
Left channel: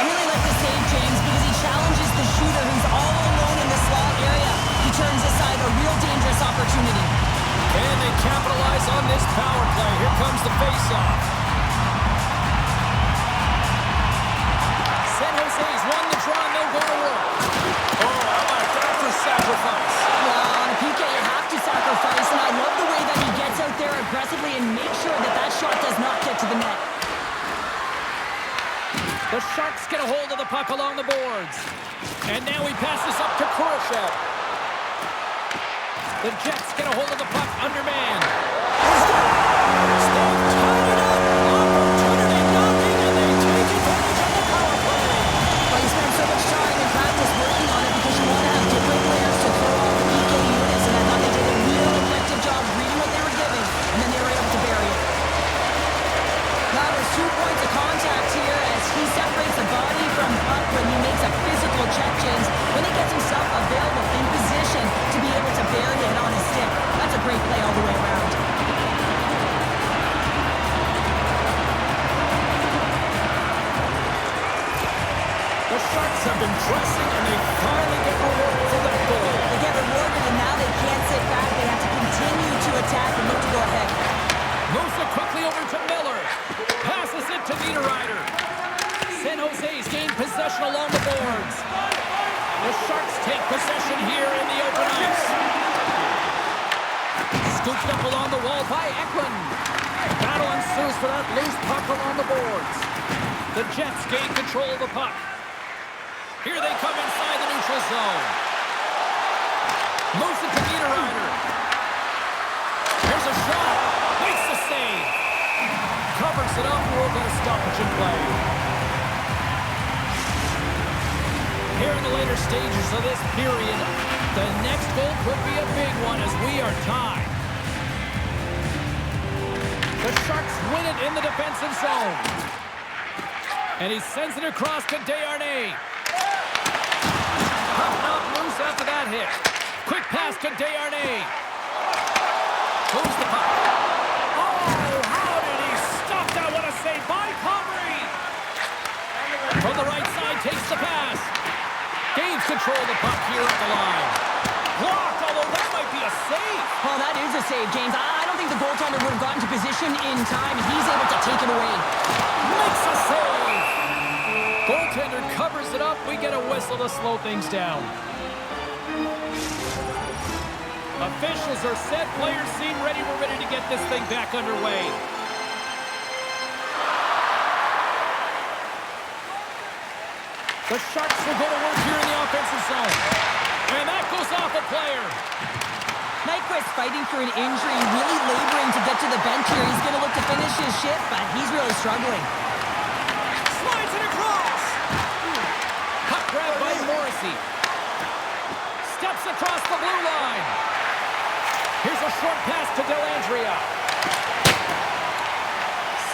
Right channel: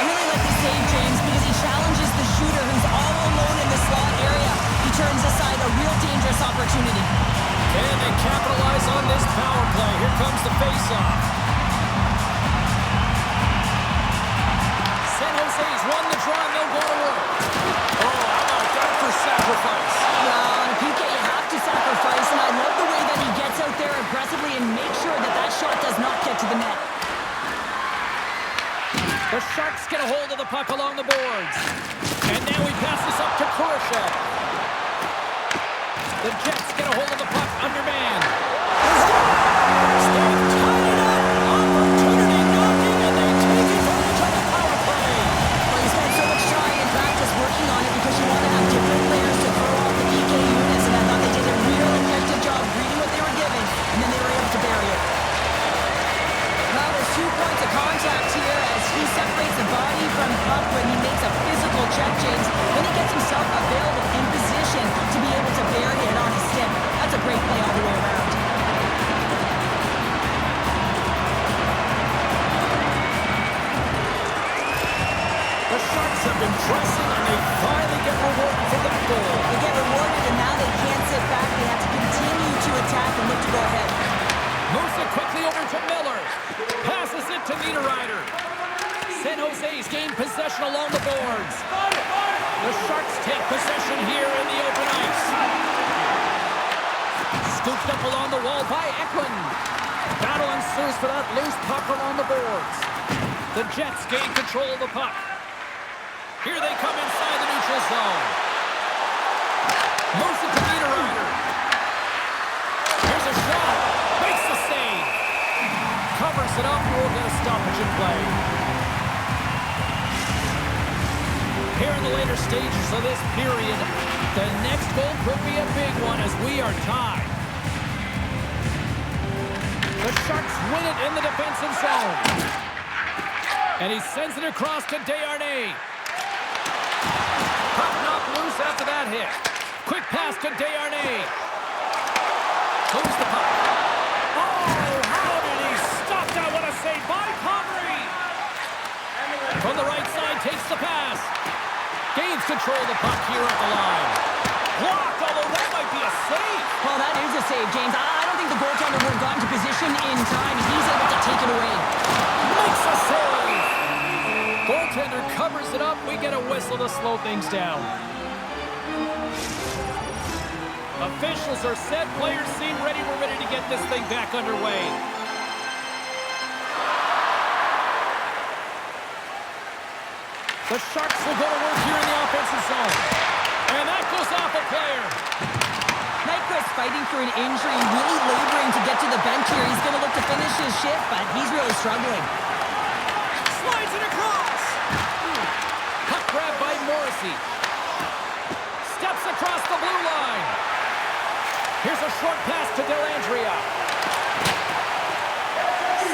I really like this save, James, because he challenges the shooter who's all alone in the slot area. He turns aside a real dangerous opportunity. And they capitalize on this power play. Here comes the face-off. San Jose's won the draw and they'll go to work. Oh, how about that for sacrifice? Well, on a PK, you have to sacrifice, and I love the way that he gets out there aggressively and makes sure that that shot does not get to the net. The Sharks get a hold of the puck along the boards. And now he passes up to Kurashev. The Jets get a hold of the puck undermanned. They've tied it up. Opportunity knocking, and they take advantage on the power play. Well, you spend so much time in practice working on it because you want to have different players to throw off the PK units, and I thought they did a real effective job reading what they were given, and then they were able to bury it. Now there's 2 points of contact here as he separates the body from puck when he makes a physical check, James. Then he gets himself available in position to be able to bury it on his stick. That's a great play all the way around. The Sharks have been pressing, and they finally get rewarded for that goal. They get rewarded, and now they can't sit back. They have to continue to attack and look to go ahead. Moves it quickly over to Miller. Passes it to Niederreiter. San Jose's gained possession along the boards. The Sharks take possession here in the open ice. Scooped up along the wall by Eklund. Battle ensues for that loose puck along the boards. The Jets gain control of the puck. Here they come inside the neutral zone. Moves it to Niederreiter. Here's a shot. Makes the save. Covers it up. We'll get a stoppage in play. Here in the later stages of this period, the next goal could be a big one as we are tied. The Sharks win it in the defensive zone. And he sends it across to Desharnais. Puck knocked loose after that hit. Quick pass to Desharnais. Moves the puck. Oh, how did he stop that? What a save by Comrie. From the right side, takes the pass. Gains control of the puck here at the line. Blocked, although that might be a save. Well, that is a save, James. I don't think the goaltender would have gotten to position in time. He's able to take it away. Makes a save. Goaltender covers it up. We get a whistle to slow things down. Officials are set. Players seem ready. We're ready to get this thing back underway. The Sharks will go to work here in the offensive zone. And that goes off a player. Nyquist fighting for an injury, really laboring to get to the bench here. He's going to look to finish his shift, but he's really struggling. Slides it across. Puck grab by Morrissey. Steps across the blue line. Here's a short pass to Dellandrea.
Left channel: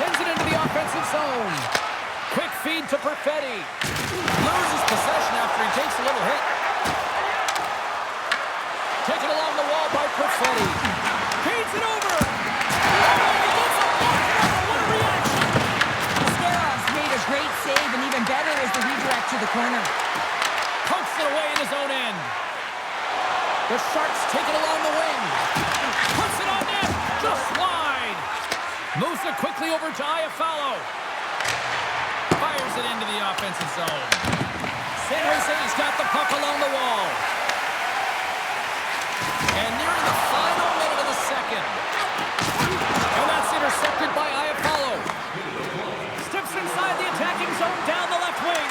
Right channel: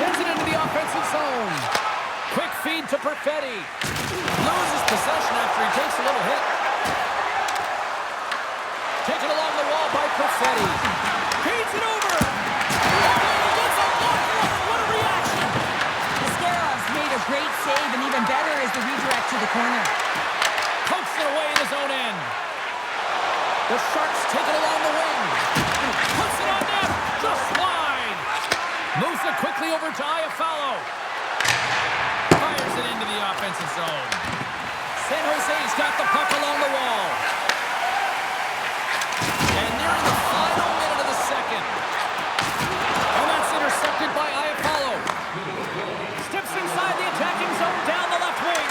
Sends it into the offensive zone. Quick feed to Perfetti. Loses possession after he takes a little hit. Taken along the wall by Perfetti. Feeds it over. Oh, he gets a block runner. What a reaction. Ascarov's made a great save, and even better is the redirect to the corner. Pokes it away in his own end. The Sharks take it along the wing. Puts it on net. Just wide. Moves it quickly over to Iafallo. Fires it into the offensive zone. San Jose's got the puck along the wall. And nearing the final minute of the second. And that's intercepted by Iafallo. Steps inside the attacking zone down the left wing.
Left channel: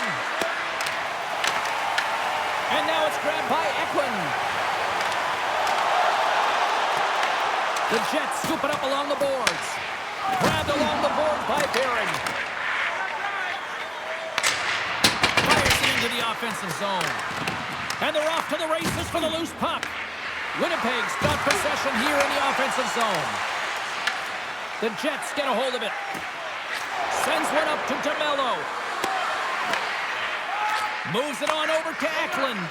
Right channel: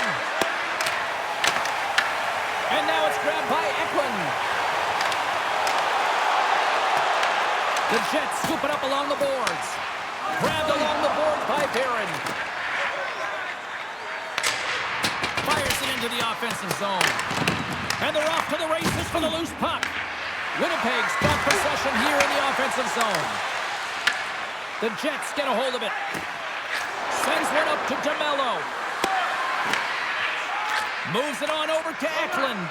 And now it's grabbed by Eklund. The Jets scoop it up along the boards. Grabbed along the boards by Barron. Fires it into the offensive zone. And they're off to the races for the loose puck. Winnipeg's got possession here in the offensive zone. The Jets get a hold of it. Sends one up to DeMello. Moves it on over to Eklund.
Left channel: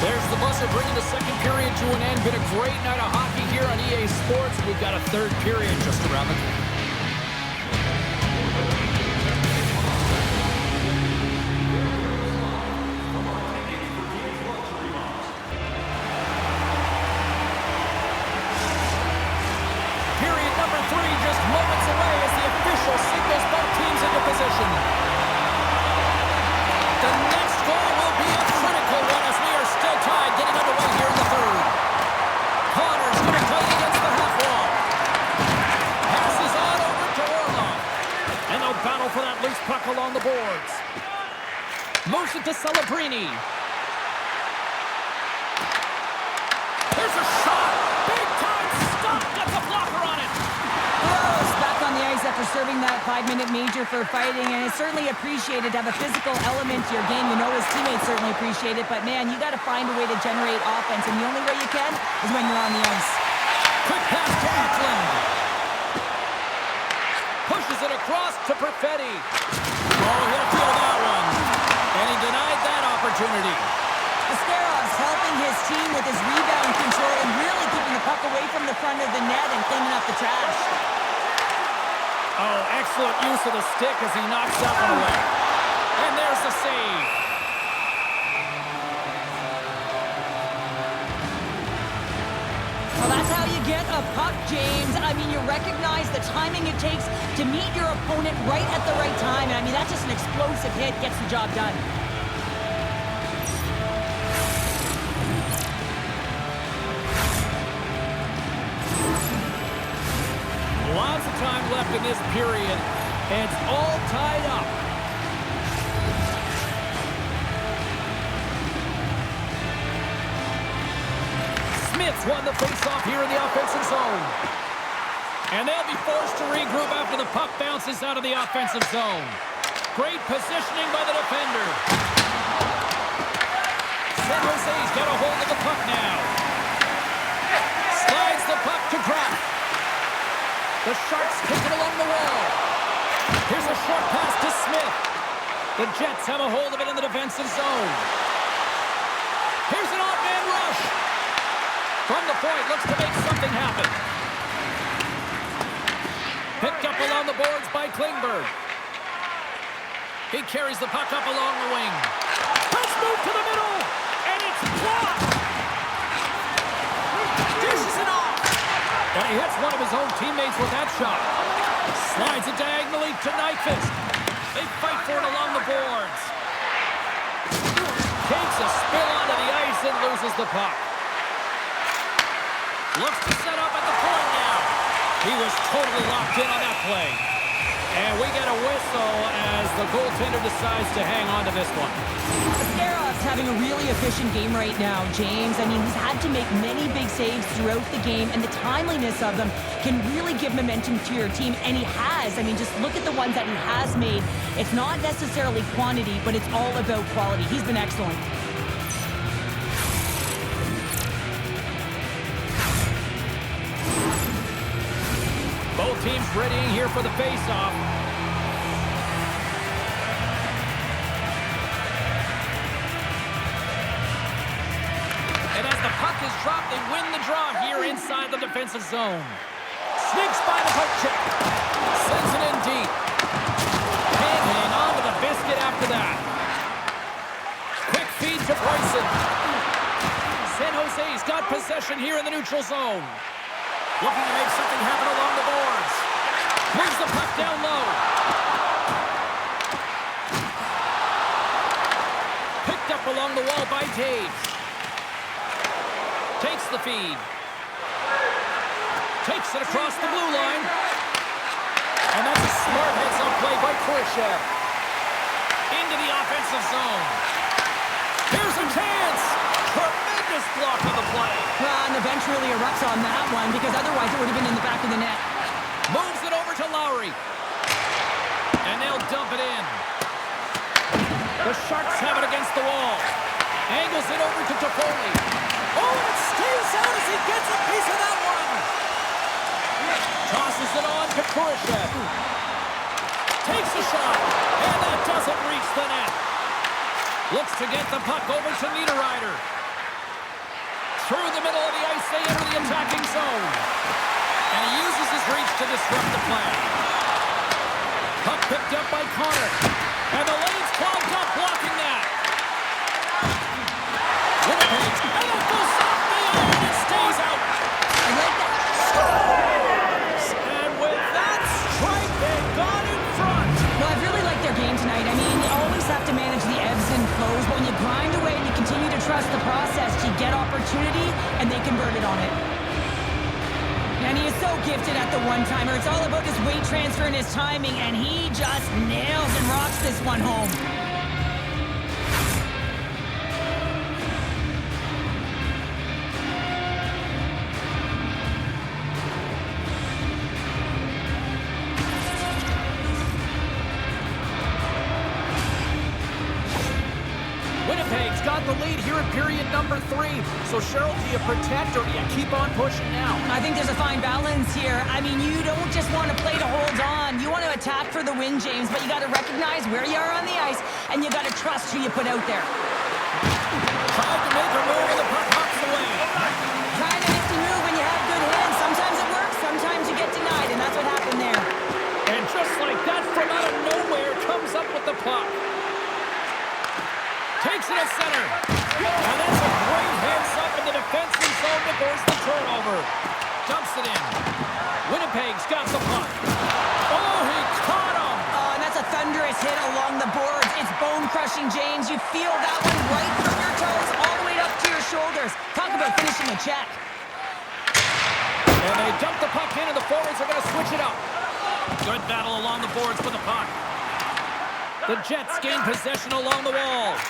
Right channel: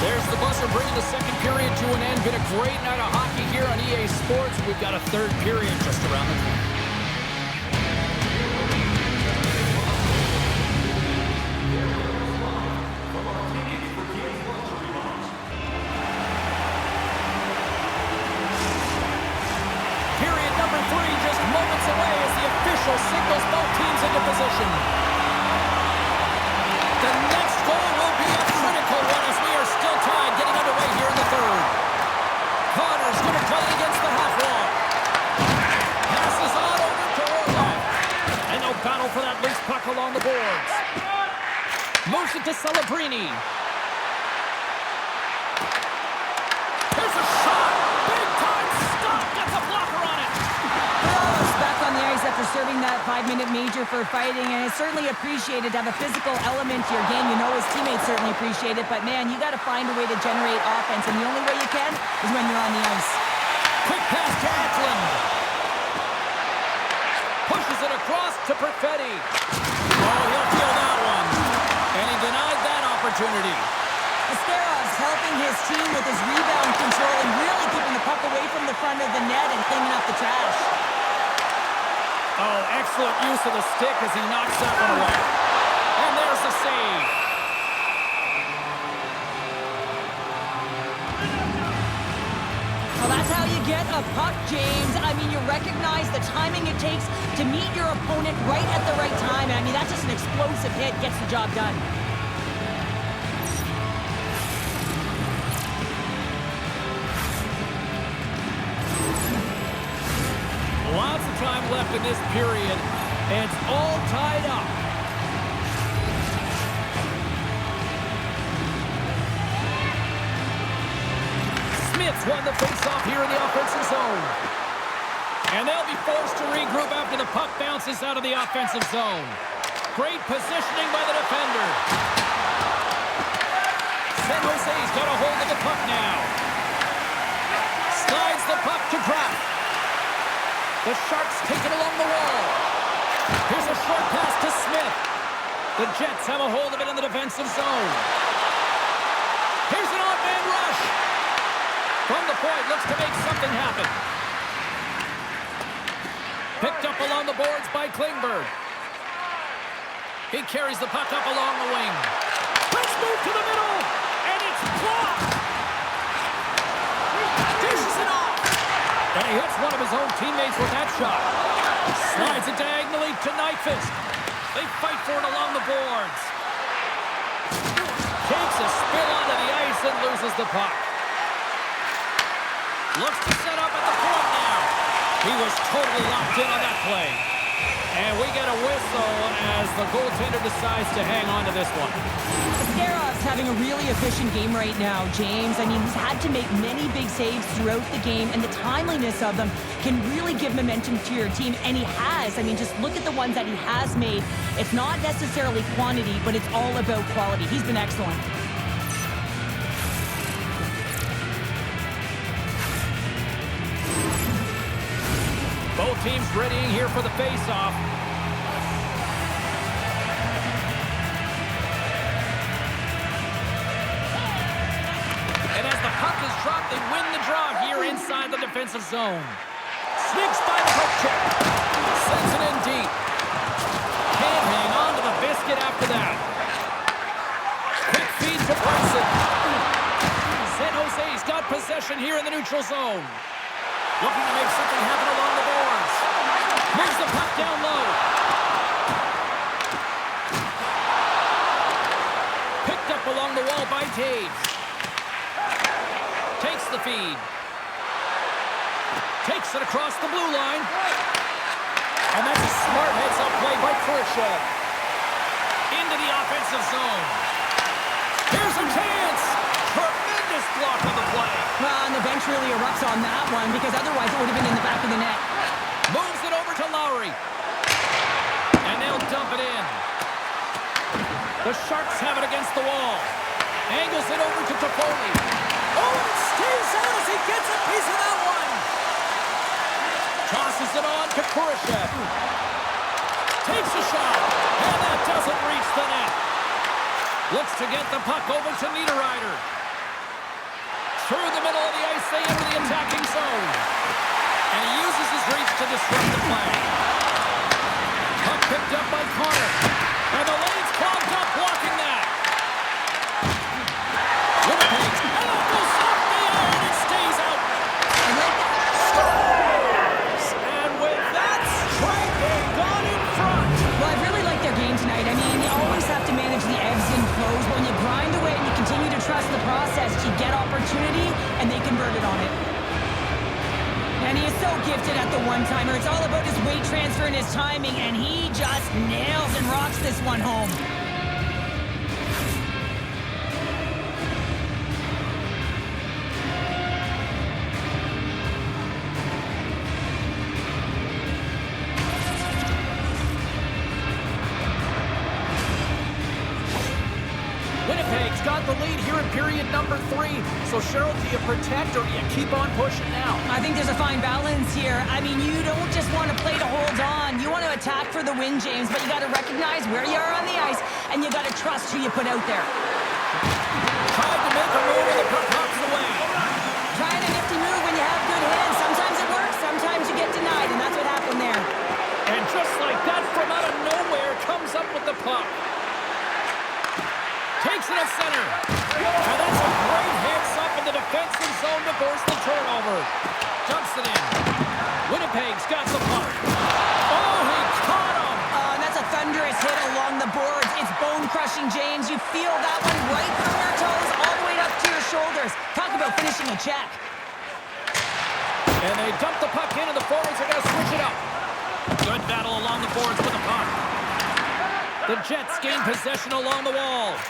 There's the buzzer bringing the second period to an end. Been a great night of hockey here on EA Sports. We've got a third period just around the corner. Period number 3 just moments away as the official signals both teams into position. The next goal will be a critical one as we are still tied, getting underway here in the third. Connor's going to play against the half wall. puck along the boards. Moves it to Celebrini. Here's a shot. Big time stop. Gets a blocker on it. Morales back on the ice after serving that 5-minute major for fighting, and it's certainly appreciated to have a physical element to your game. You know his teammates certainly appreciate it, but man, you got to find a way to generate offense, and the only way you can is when you're on the ice. Quick pass to Eklund. Pushes it across to Perfetti. Oh, he'll feel that one. And he denied that opportunity. Ascarov's helping his team with his rebound control and really keeping the puck away from the front of the net and cleaning up the trash. Oh, excellent use of the stick as he knocks that one away. And there's the save. Well, that's how you get a puck, James. I mean, you recognize the timing it takes to meet your opponent right at the right time. And I mean, that's just an explosive hit, gets the job done. Lots of time left in this period. It's all tied up. Smith's won the faceoff here in the offensive zone. And they'll be forced to regroup after the puck bounces out of the offensive zone. Great positioning by the defender. San Jose's got a hold of the puck now. Slides the puck to Kraft. The Sharks take it along the wall. Here's a short pass to Smith. The Jets have a hold of it in the defensive zone. Here's an odd man rush. From the point, looks to make something happen. Picked up along the boards by Klingberg. He carries the puck up along the wing. Let's move to the middle, and it's blocked. Dishes it off. And he hits one of his own teammates with that shot. Slides it diagonally to Nyquist. They fight for it along the boards. Takes a spill onto the ice and loses the puck. Looks to set up at the point now. He was totally locked in on that play. And we get a whistle as the goaltender decides to hang on to this one. Ascarov's having a really efficient game right now, James. I mean, he's had to make many big saves throughout the game, and the timeliness of them can really give momentum to your team, and he has. I mean, just look at the ones that he has made. It's not necessarily quantity, but it's all about quality. He's been excellent. Both teams readying here for the face-off. And as the puck is dropped, they win the draw here inside the defensive zone. Sneaks by the poke check. Sends it in deep. Can't hang on to the biscuit after that. Quick feed to Bryson. San Jose's got possession here in the neutral zone. Looking to make something happen along the boards. Moves the puck down low. Picked up along the wall by Taves. Takes the feed. Takes it across the blue line. And that's a smart heads-up play by Khrushchev. Into the offensive zone. Here's a chance. Tremendous block on the play. Well, and the bench really erupts on that one because otherwise it would have been in the back of the net. Moves it over to Lowry. And they'll dump it in. The Sharks have it against the wall. Angles it over to Toffoli. Oh, and it stays out as he gets a piece of that one. Tosses it on to Khrushchev. Takes a shot. And that doesn't reach the net. Looks to get the puck over to Niederreiter. Through the middle of the ice, they enter the attacking zone. And he uses his reach to disrupt the play. Puck picked up by Connor. And the lane's clogged up, blocking that. Winnipeg. And that goes off the iron and stays out. I like that. Scores! And with that strike, they've gone in front. Well, I really like their game tonight. I mean, you always have to manage the ebbs and flows, but when you grind away and you continue to trust the process, you get opportunity, and they converted on it. And he is so gifted at the one-timer. It's all about his weight transfer and his timing, and he just nails and rocks this one home. Winnipeg's got the lead here in period number 3. So, Cheryl, do you protect or do you keep on pushing now? I think there's a fine balance here. I mean, you don't just want to play to hold on. You want to attack for the win, James, but you got to recognize where you are on the ice, and you got to trust who you put out there. Tried to make a move and the puck hops away. Trying a nifty move when you have good hands. Sometimes it works, sometimes you get denied, and that's what happened there. And just like that, from out of nowhere, comes up with the puck. Takes it at center. And that's a great hands-up in the defensive zone to force the turnover. Dumps it in. Winnipeg's got the puck. Oh, he caught him. Oh, and that's a thunderous hit along the boards. It's bone-crushing, James. You feel that one right from your toes all the way up to your shoulders. Talk about finishing a check. And they dump the puck in, and the forwards are going to switch it up. Good battle along the boards with the puck. The Jets gain possession along the wall.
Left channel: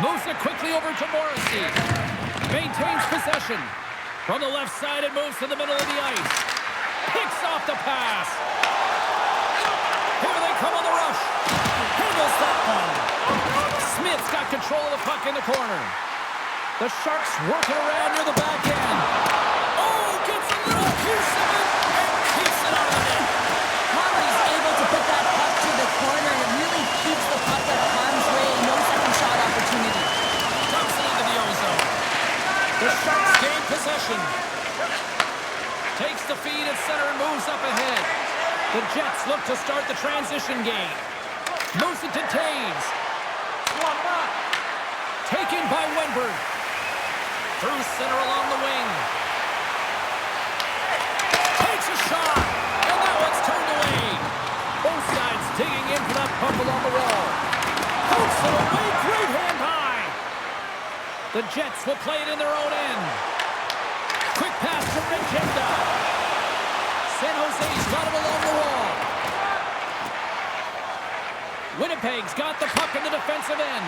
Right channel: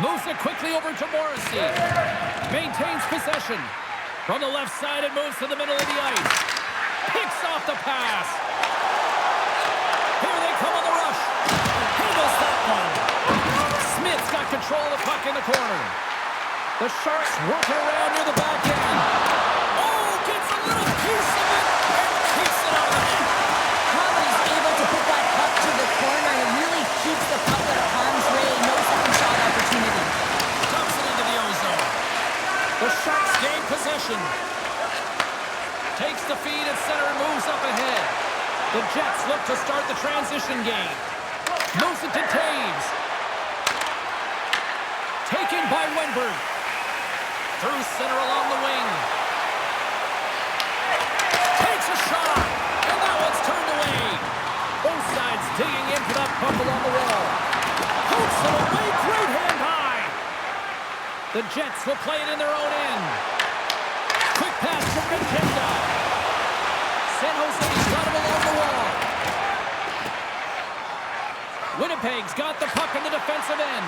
Moves it quickly over to Morrissey. Maintains possession. From the left side, it moves to the middle of the ice. Picks off the pass. Here they come on the rush. Handles that one. Smith's got control of the puck in the corner. The Sharks working around near the back end. Oh, gets a little piece of it and keeps it out of the net. Conley's able to put that puck to the corner, and it really keeps the puck out of harm's way. No second shot opportunity. Dumps it into the ozone. The Sharks gain possession. Takes the feed at center and moves up ahead. The Jets look to start the transition game. Moves it to Taves. Taken by Wenberg. Through center along the wing. Takes a shot. And that one's turned away. Both sides digging in for that puck along the wall. Pokes it away. Great hand high. The Jets will play it in their own end. Quick pass to Regenda. San Jose's got him along the wall. Winnipeg's got the puck in the defensive end.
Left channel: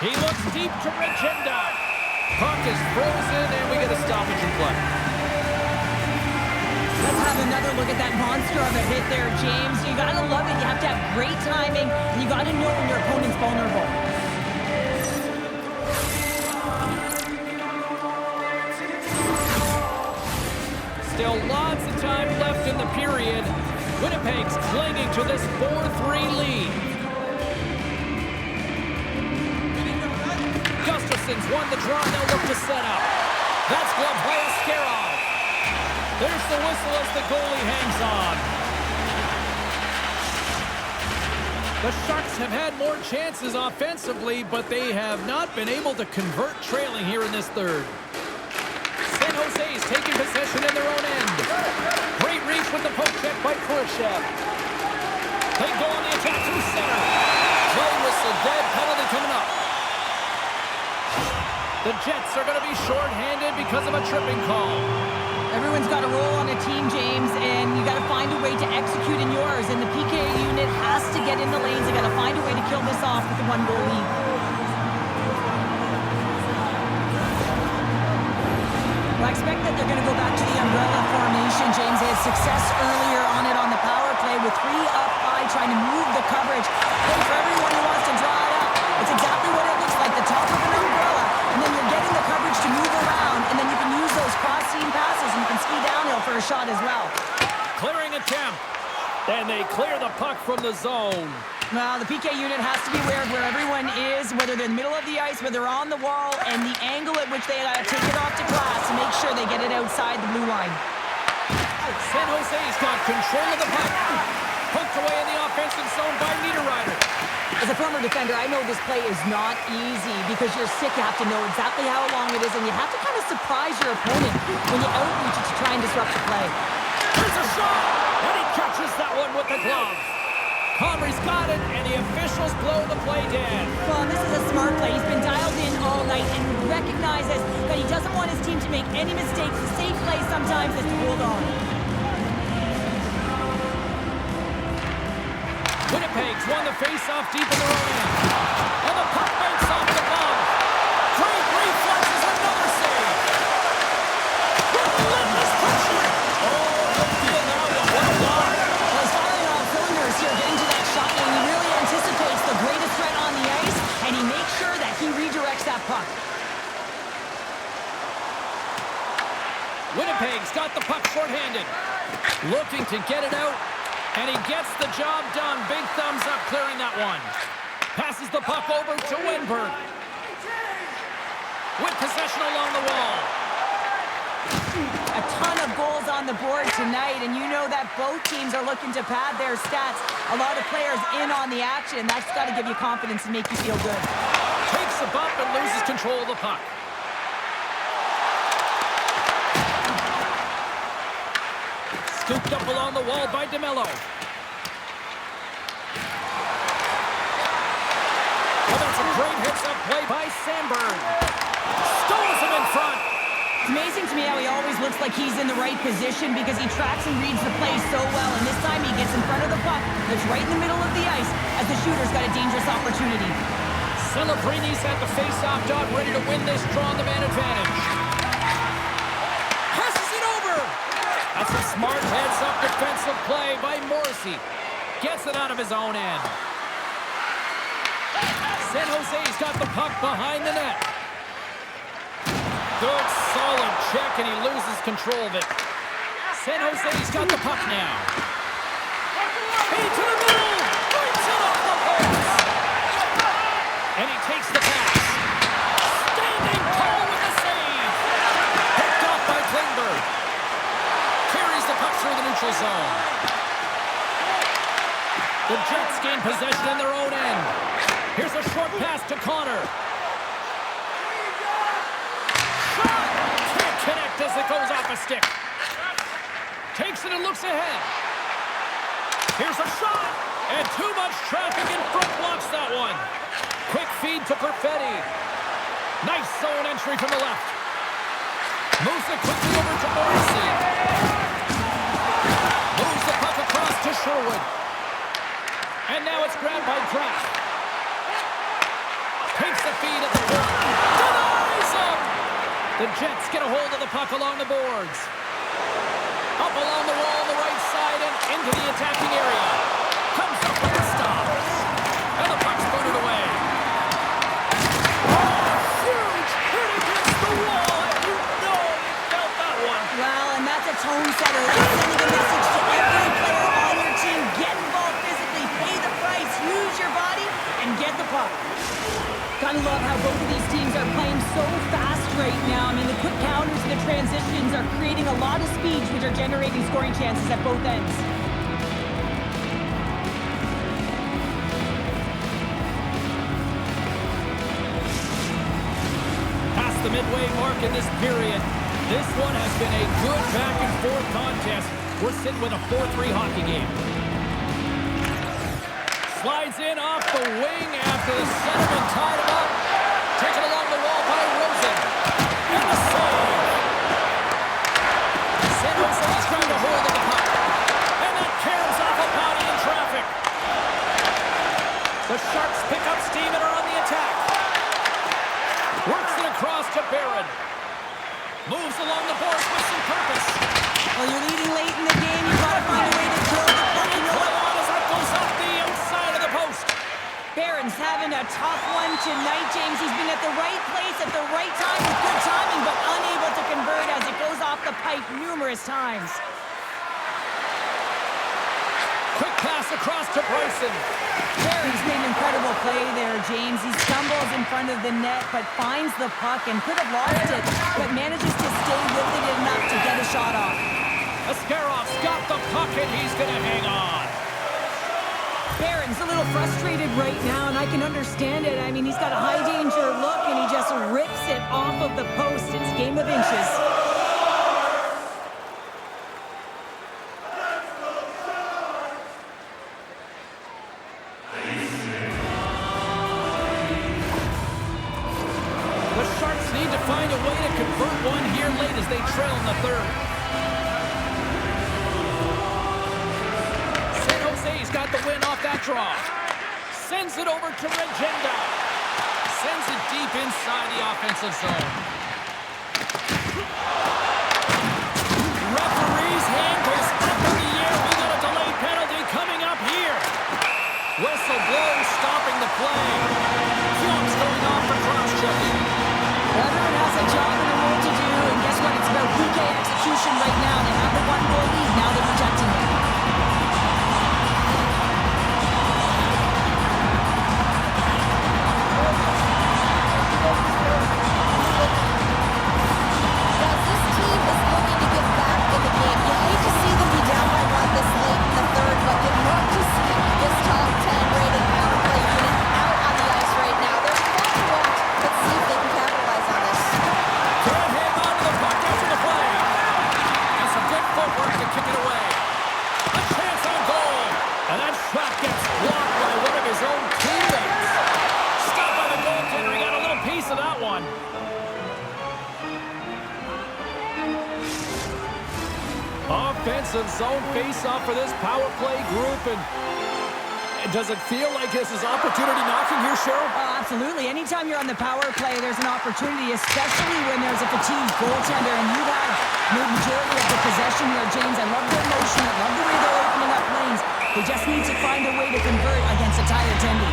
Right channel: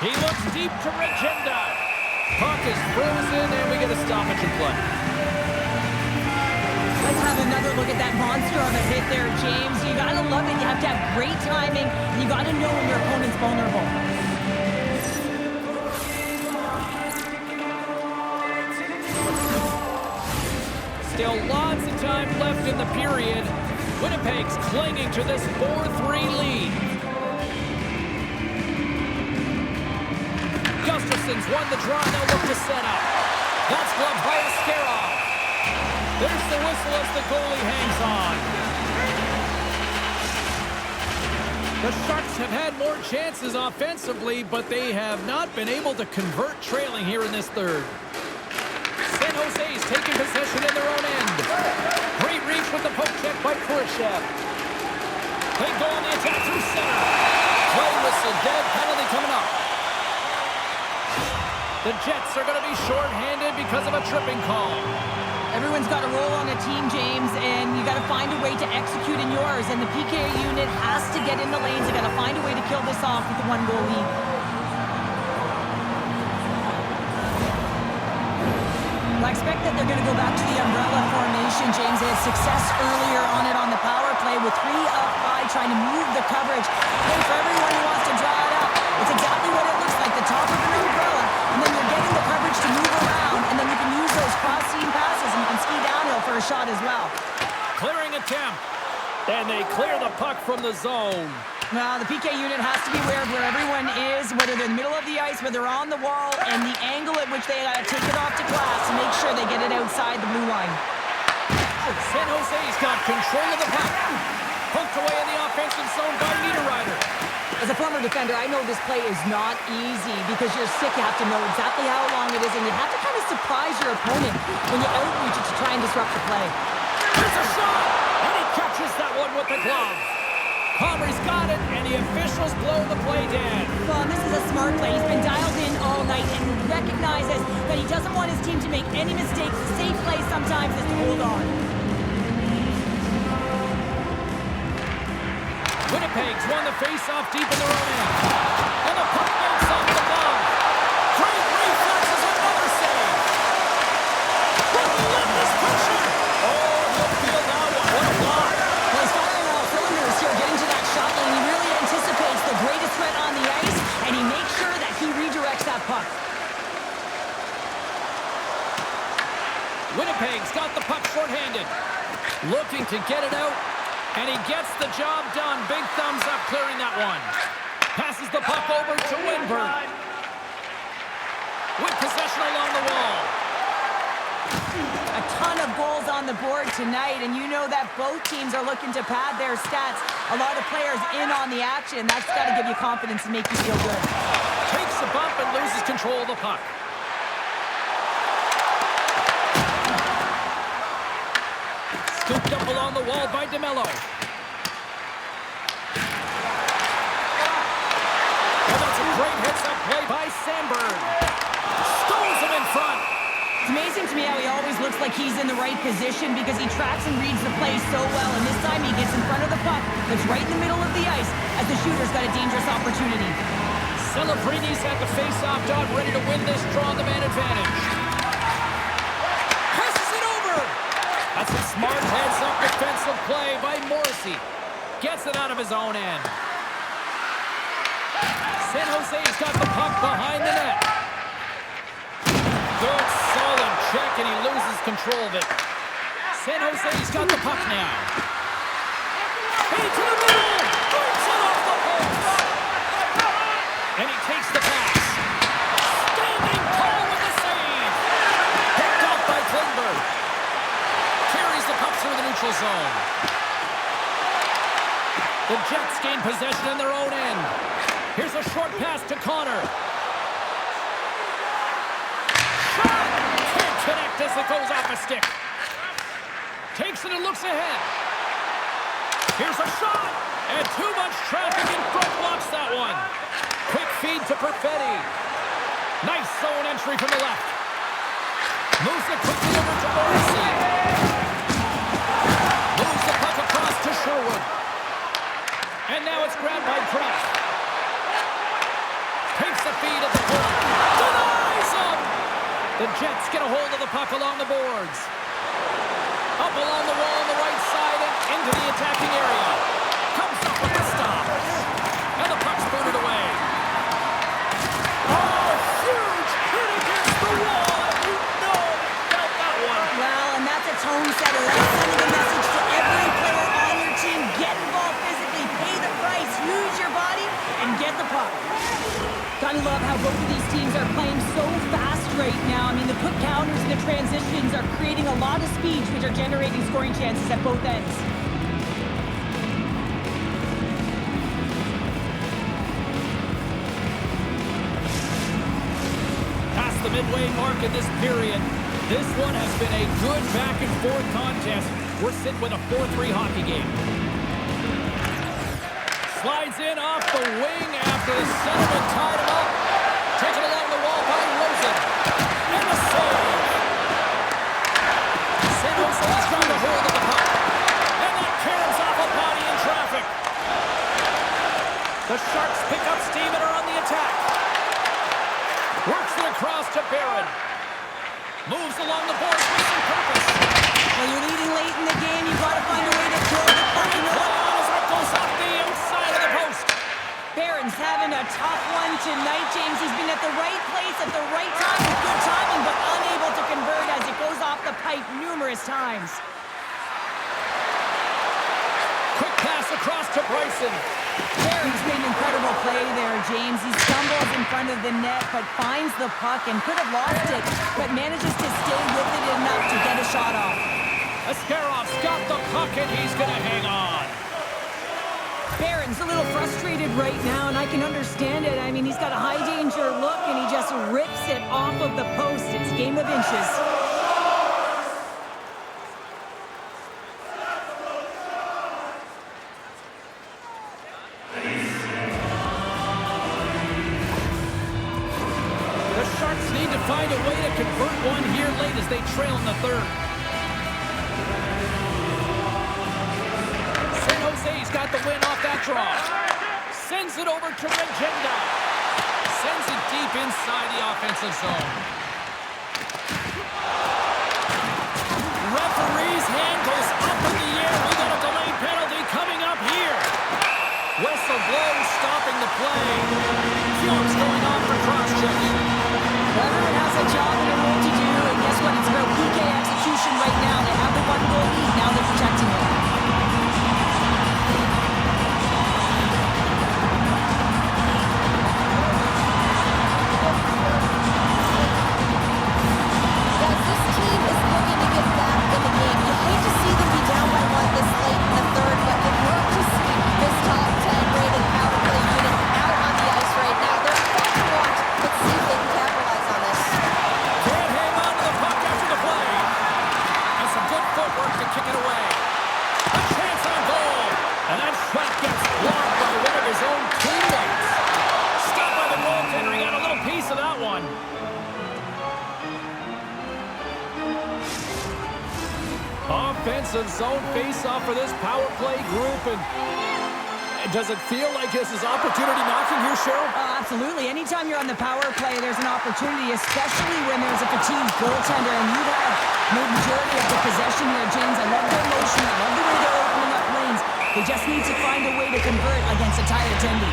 He looks deep to Regenda. Puck is frozen, and we get a stoppage in play. Let's have another look at that monster of a hit there, James. You got to love it. You have to have great timing, and you got to know when your opponent's vulnerable. Still lots of time left in the period. Winnipeg's clinging to this 4-3 lead. Gustafson's won the draw. They'll look to set up. That's gloved by Askarov. There's the whistle as the goalie hangs on. The Sharks have had more chances offensively, but they have not been able to convert trailing here in this third. San Jose's taking possession in their own end. Great reach with the poke check by Khrushchev. They go on the attack through center. Play whistle dead, penalty coming up. The Jets are going to be shorthanded because of a tripping call. Everyone's got a role on a team, James, and you got to find a way to execute in yours. And the PK unit has to get in the lanes. They got to find a way to kill this off with a 1-goal lead. Well, I expect that they're going to go back to the umbrella formation, James. They had success earlier on it on the power play with 3 up high, trying to move the coverage. Hey, for everyone who wants to draw it up, it's exactly what it looks like, the top of an umbrella, and then you're getting the coverage to move around, and then you can use those cross-seam passes, and you can ski downhill for a shot as well. Clearing attempt. And they clear the puck from the zone. Well, the PK unit has to be aware of where everyone is, whether they're in the middle of the ice, whether they're on the wall, and the angle at which they take it off to glass to make sure they get it outside the blue line. San Jose's got control of the puck. Poked away in the offensive zone by Niederreiter. As a former defender, I know this play is not easy because you're sick. You have to know exactly how long it is, and you have to kind of surprise your opponent when you outreach it to try and disrupt the play. Here's a shot, and he catches that one with the glove. Comrie's got it, and the officials blow the play dead. Well, this is a smart play. He's been dialed in all night and recognizes that he doesn't want his team to make any mistakes. The safe play sometimes is to hold on. Winnipeg's won the face-off deep in their own end. And the puck banks off the glove. Great reflexes, another save. Relentless pressure. Oh, he'll feel that one. What a block. Well, he's firing all cylinders here, getting to that shot lane. He really anticipates the greatest threat on the ice, and he makes sure that he redirects that puck. Winnipeg's got the puck shorthanded. Looking to get it out. And he gets the job done. Big thumbs up clearing that one. Passes the puck over to Wenberg. With possession along the wall. A ton of goals on the board tonight, and you know that both teams are looking to pad their stats. A lot of players in on the action. That's got to give you confidence and make you feel good. Takes a bump and loses control of the puck. Scooped up along the wall by DeMello. Oh, that's a great heads-up play by Sandberg. Stones him in front. It's amazing to me how he always looks like he's in the right position because he tracks and reads the play so well, and this time he gets in front of the puck that's right in the middle of the ice as the shooter's got a dangerous opportunity. Celebrini's at the face-off dot, ready to win this draw on the man advantage. Passes it over. That's a smart heads-up defensive play by Morrissey. Gets it out of his own end. San Jose's got the puck behind the net. Good, solid check, and he loses control of it. San Jose's got the puck now. Feed to the middle. Breaks it off the post. And he takes the pass. Standing tall with the save. Picked off by Klingberg. Carries the puck through the neutral zone. The Jets gain possession in their own end. Here's a short pass to Connor. Shot! Can't connect as it goes off a stick. Takes it and looks ahead. Here's a shot! And too much traffic in front blocks that one. Quick feed to Perfetti. Nice zone entry from the left. Moves it quickly over to Morrissey. Moves the puck across to Sherwood. And now it's grabbed by Kraft. Takes the feed at the point. Denies him! The Jets get a hold of the puck along the boards. Up along the wall on the right side and into the attacking area. Comes up with the stop. And the puck's booted away. Oh, huge hit against the wall. And you know they felt that one. Well, and that's a tone setter. That's sending a message to every player on your team. Get involved physically, pay the price, use your body, and get the puck. Gotta love how both of these teams are playing so fast right now. I mean, the quick counters and the transitions are creating a lot of speeds, which are generating scoring chances at both ends. Past the midway mark in this period. This one has been a good back-and-forth contest. We're sitting with a 4-3 hockey game. Slides in off the wing after the centerman tied him up. Taken along the wall by Rosen. And the save. San Jose's trying to hold of the puck. And that caroms off a body in traffic. The Sharks pick up steam and are on the attack. Works it across to Barron. Moves along the boards with some purpose. Well, you're leading late in the game. You've got to find a way to kill the puck. You know Play what? on as that goes off the outside of the post. Barron's having a tough one tonight, James. He's been at the right place at the right time with good timing, but unable to convert as it goes off the pipe numerous times. Quick pass across to Bryson. Barron's made an incredible play there, James. He stumbles in front of the net, but finds the puck and could have lost it, but manages to stay with it enough to get a shot off. Ascarov's got the puck and he's going to hang on. Barron's a little frustrated right now, and I can understand it. I mean, he's got a high-danger look, and he just rips it off of the post. It's game of inches. find a way to convert one here late as they trail in the third. San Jose's got the win off that draw. Sends it over to Regenda. Sends it deep inside the offensive zone. Referee's hand goes up in the air. We got a delayed penalty coming up here. Whistle blows, stopping the play. Fiomp's going off for cross-checking. Well, everyone has a job and a role to do, and guess what? It's about PK execution right now. They have the one-goal lead. Now they're protecting it. Guys, this team is looking to get back in the game. You hate to see them be down by one this late in the third, but you love to see this top 10 rated power play unit out on the ice right now. They're fun to watch. Let's see if they can capitalize on this. Can't hang on to the puck after the play. And some good footwork to kick it away. A chance on goal. And that shot gets blocked by one of his own teammates. Stopped by the goaltender. He got a little piece of that one. Offensive zone face-off for this power play group. And does it feel like this is opportunity knocking here, Cheryl? Oh, absolutely. Anytime you're on the power play, there's an opportunity, especially when there's a fatigued goaltender, and you've had the majority of the possession here, James. I love their motion. I love the way they're opening up lanes. They just need to find a way to convert against a tired Tendy.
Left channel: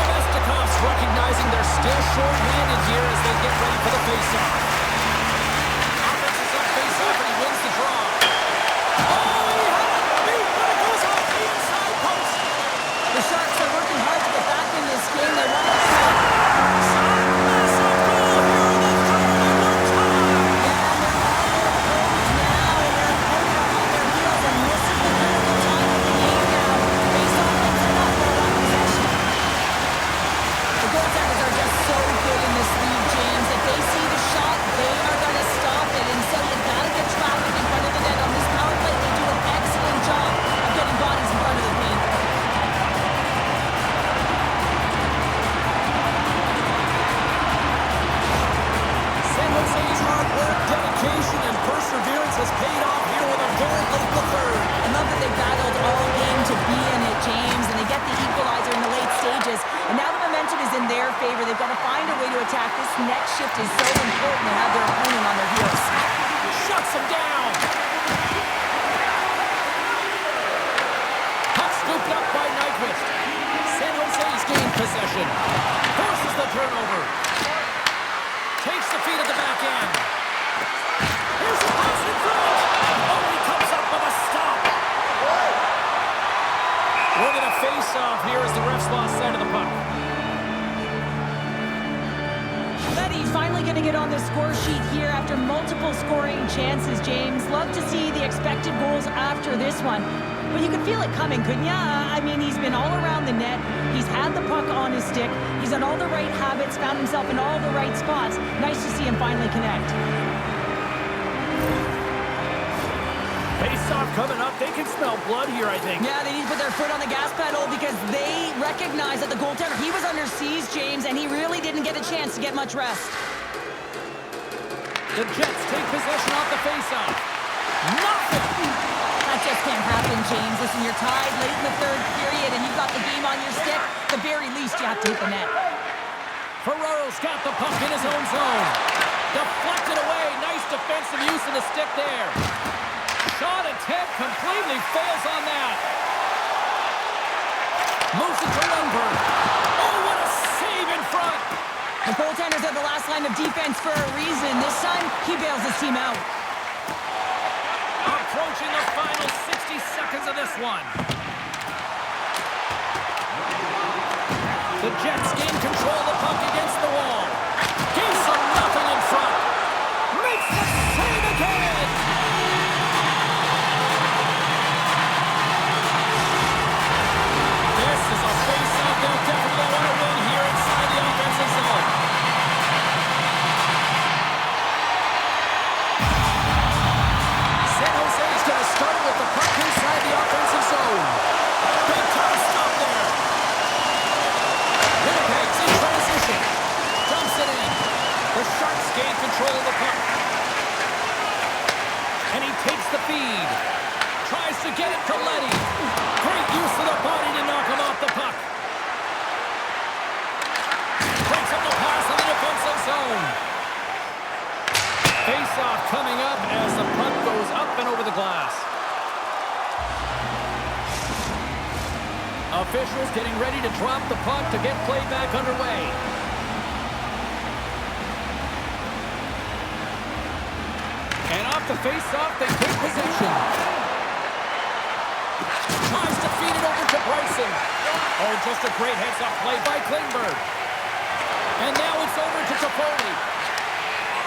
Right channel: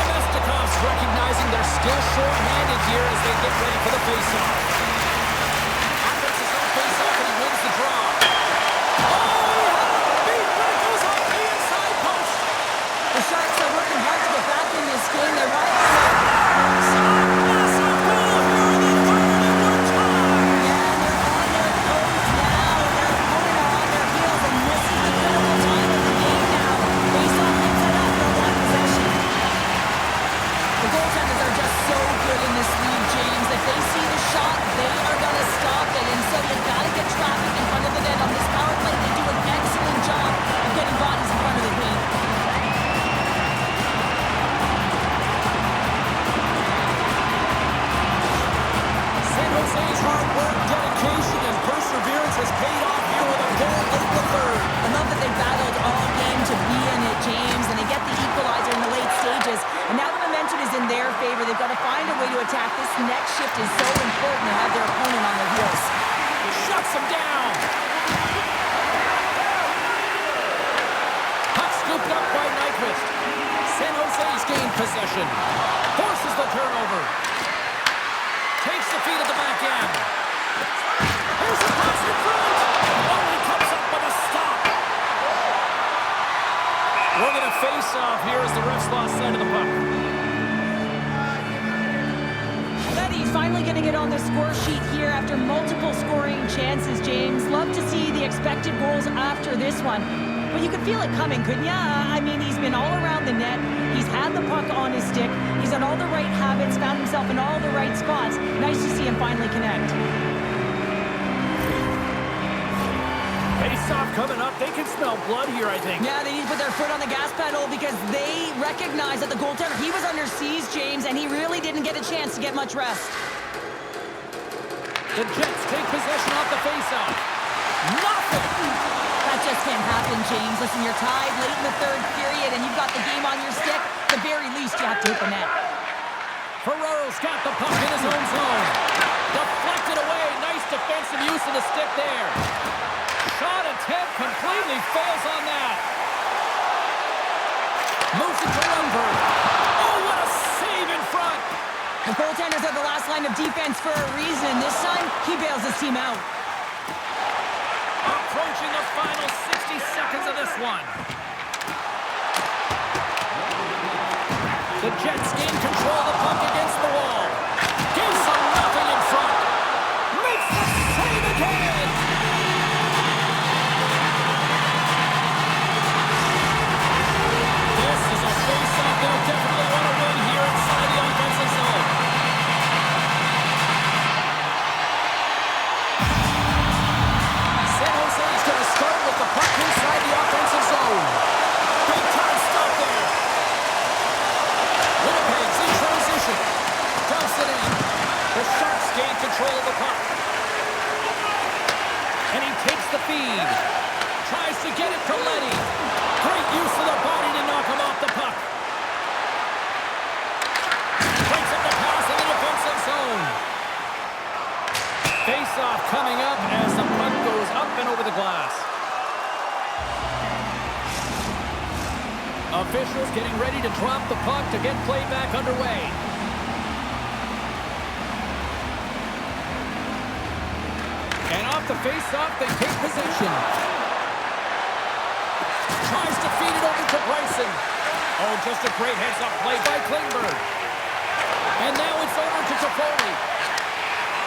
Nemestikov's recognizing they're still short-handed here as they get ready for the face-off. Offensive zone face-off, and he wins the draw. Oh, he had it beat, but it goes off the inside post. The Sharks are working hard to get back in this game. They want to Massive goal here in the third, and we're tied. Yeah, and they're on their toes now, and their opponent are on their heels, and this is the critical time of the game now. Face-off and set up for one possession. The goaltenders are just so good in this league, James. If they see the shot, they are going to stop it. And so you got to get traffic in front of the net. On this power play, they do an excellent job of getting bodies in front of the paint. San Jose's hard work, dedication, and perseverance has paid off here with a goal late in the third. I love that they battled all game to be in it, James, and they get the equalizer in the late stages. And now the momentum is in their favor. They've got to find a way to attack. This next shift is so important to have their opponent on their heels. Shuts him down. Puck scooped up by Nyquist. San Jose's gained possession. Forces the turnover. Takes the feed at the back end. Here's the pass in front. Oh, he comes up with a stop. We're going to face off here as the refs lost sight of the puck. Betty's finally going to get on the score sheet here after multiple scoring chances, James. Love to see the expected goals after this one. But you could feel it coming, couldn't ya? I mean, he's been all around the net. He's had the puck on his stick. He's on all the right habits, found himself in all the right spots. Nice to see him finally connect. Face-off coming up. They can smell blood here, I think. Yeah, they need to put their foot on the gas pedal because they recognize that the goaltender, he was under siege, James, and he really didn't get a chance to get much rest. The Jets take possession off the face-off. Nothing! That just can't happen, James. Listen, you're tied late in the third period, and you've got the game on your stick. At the very least, you have to hit the net. Ferraro's got the puck in his own zone. Deflected away. Nice defensive use of the stick there. Shot attempt completely fails on that. Moves it to Lundberg. Oh, what a save in front. The goaltenders are the last line of defense for a reason. This time, he bails his team out. Approaching the final 60 seconds of this one. The Jets gain control of the puck against the wall. Gives them nothing in front. Makes the save again. This is a face-off they'll definitely want to win here inside the offensive zone. San Jose's going to start with the puck inside the offensive zone. Big time stop there. With a control of the puck. And he takes the feed. Tries to get it to Letty. Great use of the body to knock him off the puck. Breaks up the pass in the defensive zone. Face-off coming up as the puck goes up and over the glass. Officials getting ready to drop the puck to get play back underway. And off the face-off, they take possession. Tries to feed it over to Bryson. Oh, just a great heads-up play by Klingberg. And now it's over to Toffoli.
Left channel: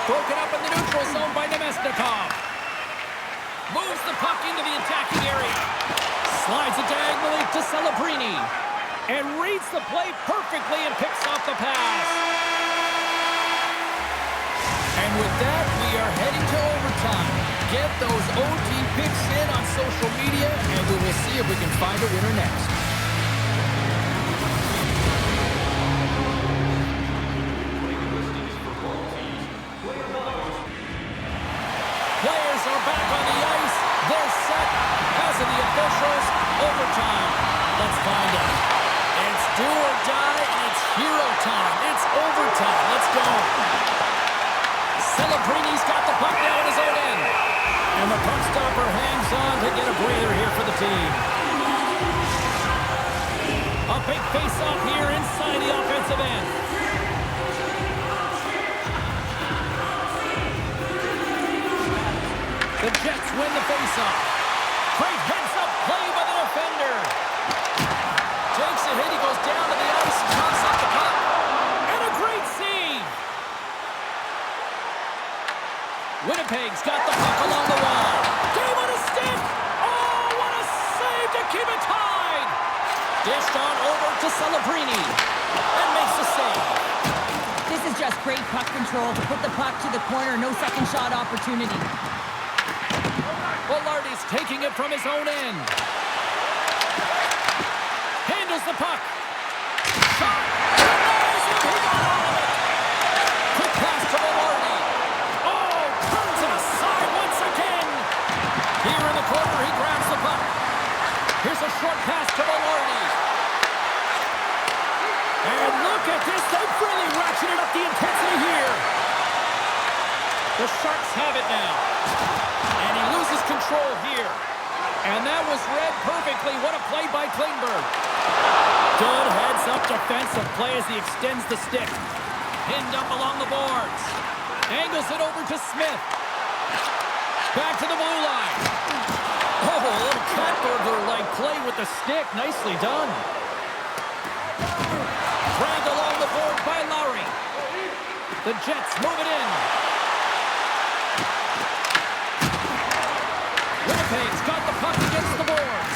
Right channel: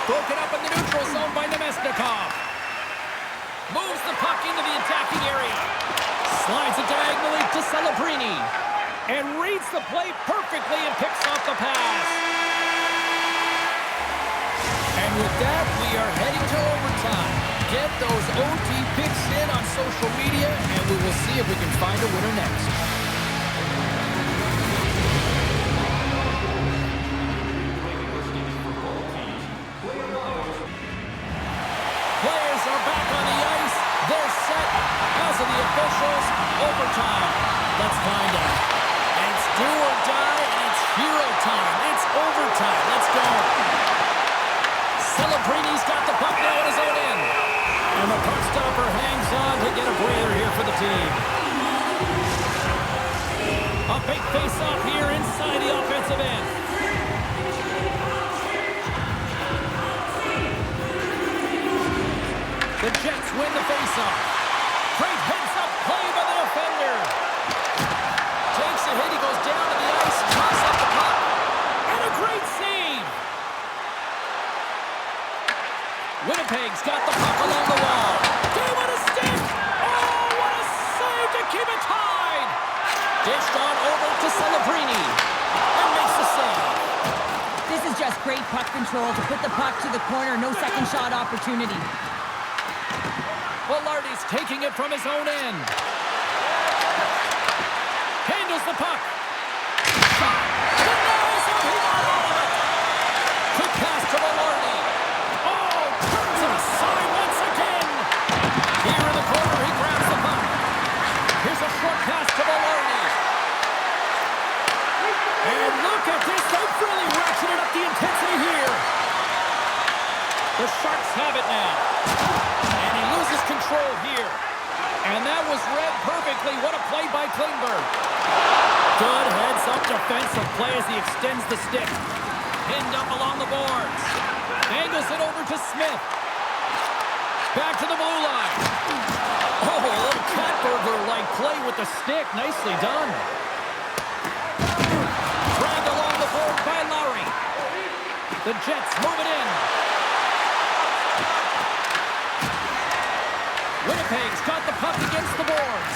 Broken up in the neutral zone by Nemesnikov. Moves the puck into the attacking area. Slides it diagonally to Celebrini. And reads the play perfectly and picks off the pass. And with that, we are heading to overtime. Get those OT picks in on social media, and we will see if we can find a winner next. Players are back on the ice. They're set. As of the officials, overtime. Let's find out. It's do or die, and it's hero time. It's overtime. Let's go. Celebrini's got the puck now at his own end. And the puck stopper hangs on to get a breather here for the team. A big face-off here inside the offensive end. The Jets win the face-off. Great heads-up play by the defender. Takes a hit, he goes down to the ice, toss up the puck. And a great save. Winnipeg's got the puck along the wall. Game on a stick. Oh, what a save to keep it tied. Dished on over to Celebrini. And makes the save. This is just great puck control to put the puck to the corner. No second shot opportunity. Velarde's taking it from his own end. Handles the puck. Shot. Denies him. He got all of it. Quick pass to Velarde. Oh, turns it aside once again. Here in the corner, he grabs the puck. Here's a short pass to Velarde. And look at this. They've really ratcheted up the intensity here. The Sharks have it now. And he loses control here. And that was read perfectly. What a play by Klingberg. Good heads-up defensive play as he extends the stick. Pinned up along the boards. Angles it over to Smith. Back to the blue line. Oh, a little cat burglar-like play with the stick. Nicely done. Dragged along the board by Lowry. The Jets move it in. Winnipeg's got the puck against the boards.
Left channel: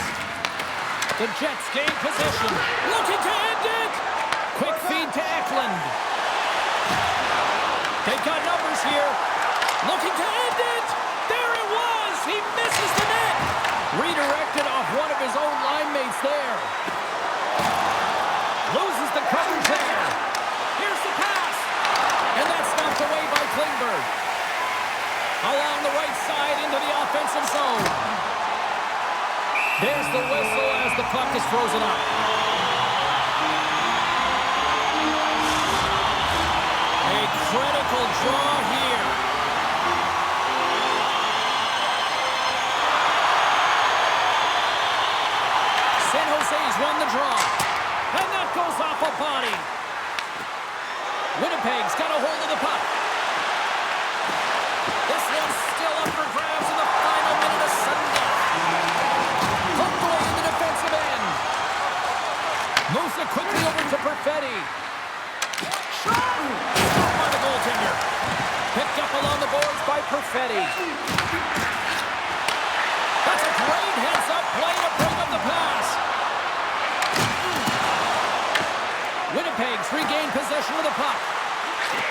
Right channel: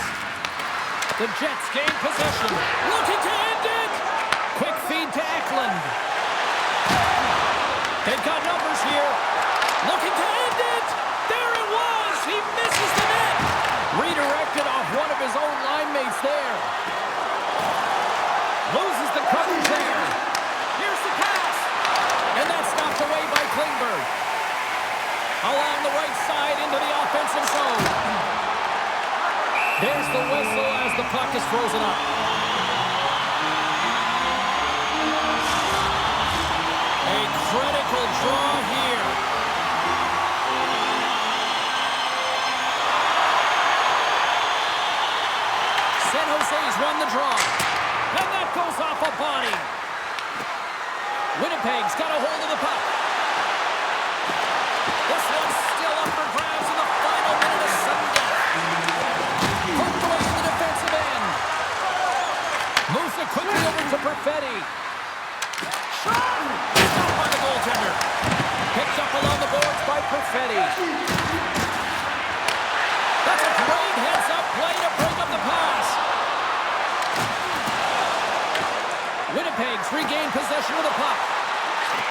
The Jets gain possession. Looking to end it. Quick feed to Eklund. They've got numbers here. Looking to end it. There it was. He misses the net. Redirected off one of his own line mates there. Loses the coverage there. Here's the pass. And that's knocked away by Klingberg. Along the right side into the offensive zone. There's the whistle as the puck is frozen up. A critical draw here. San Jose's won the draw. And that goes off a body. Winnipeg's got a hold of the puck. This one's still up for grabs in the final minute of sudden death. Poked away in the defensive end. Moves it quickly over to Perfetti. Shot! Stopped by the goaltender. Picked up along the boards by Perfetti. That's a great heads-up play to break up the pass. Winnipeg's regained possession of the puck.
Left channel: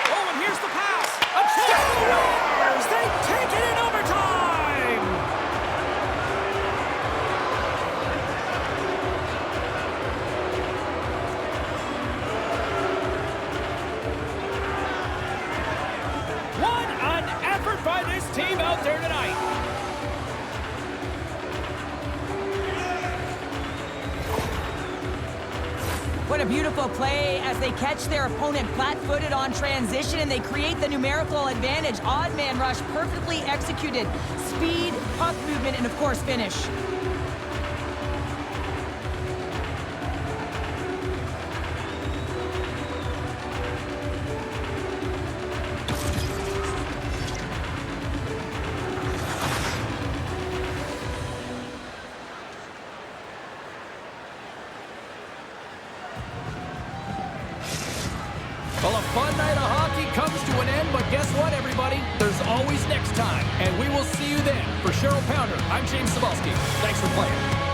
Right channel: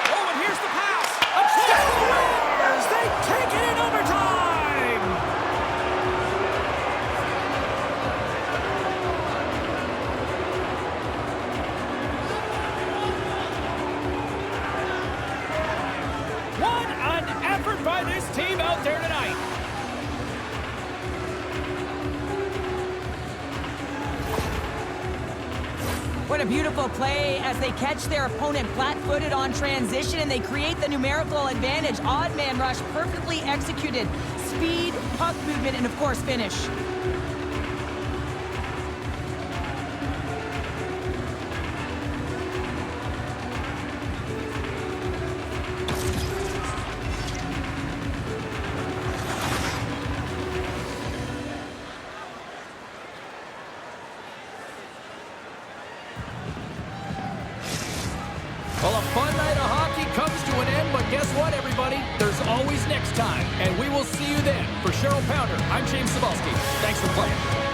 Oh, and here's the pass. A chance for the Winners. They take it in overtime. One effort by this team out there tonight. What a beautiful play as they catch their opponent flat-footed on transition and they create the numerical advantage. Odd man rush, perfectly executed. Speed, puck movement, and of course finish. Well, a fun night of hockey comes to an end, but guess what, everybody? There's always next time, and we will see you then. For Cheryl Pounder, I'm James Cebulski. Thanks for playing.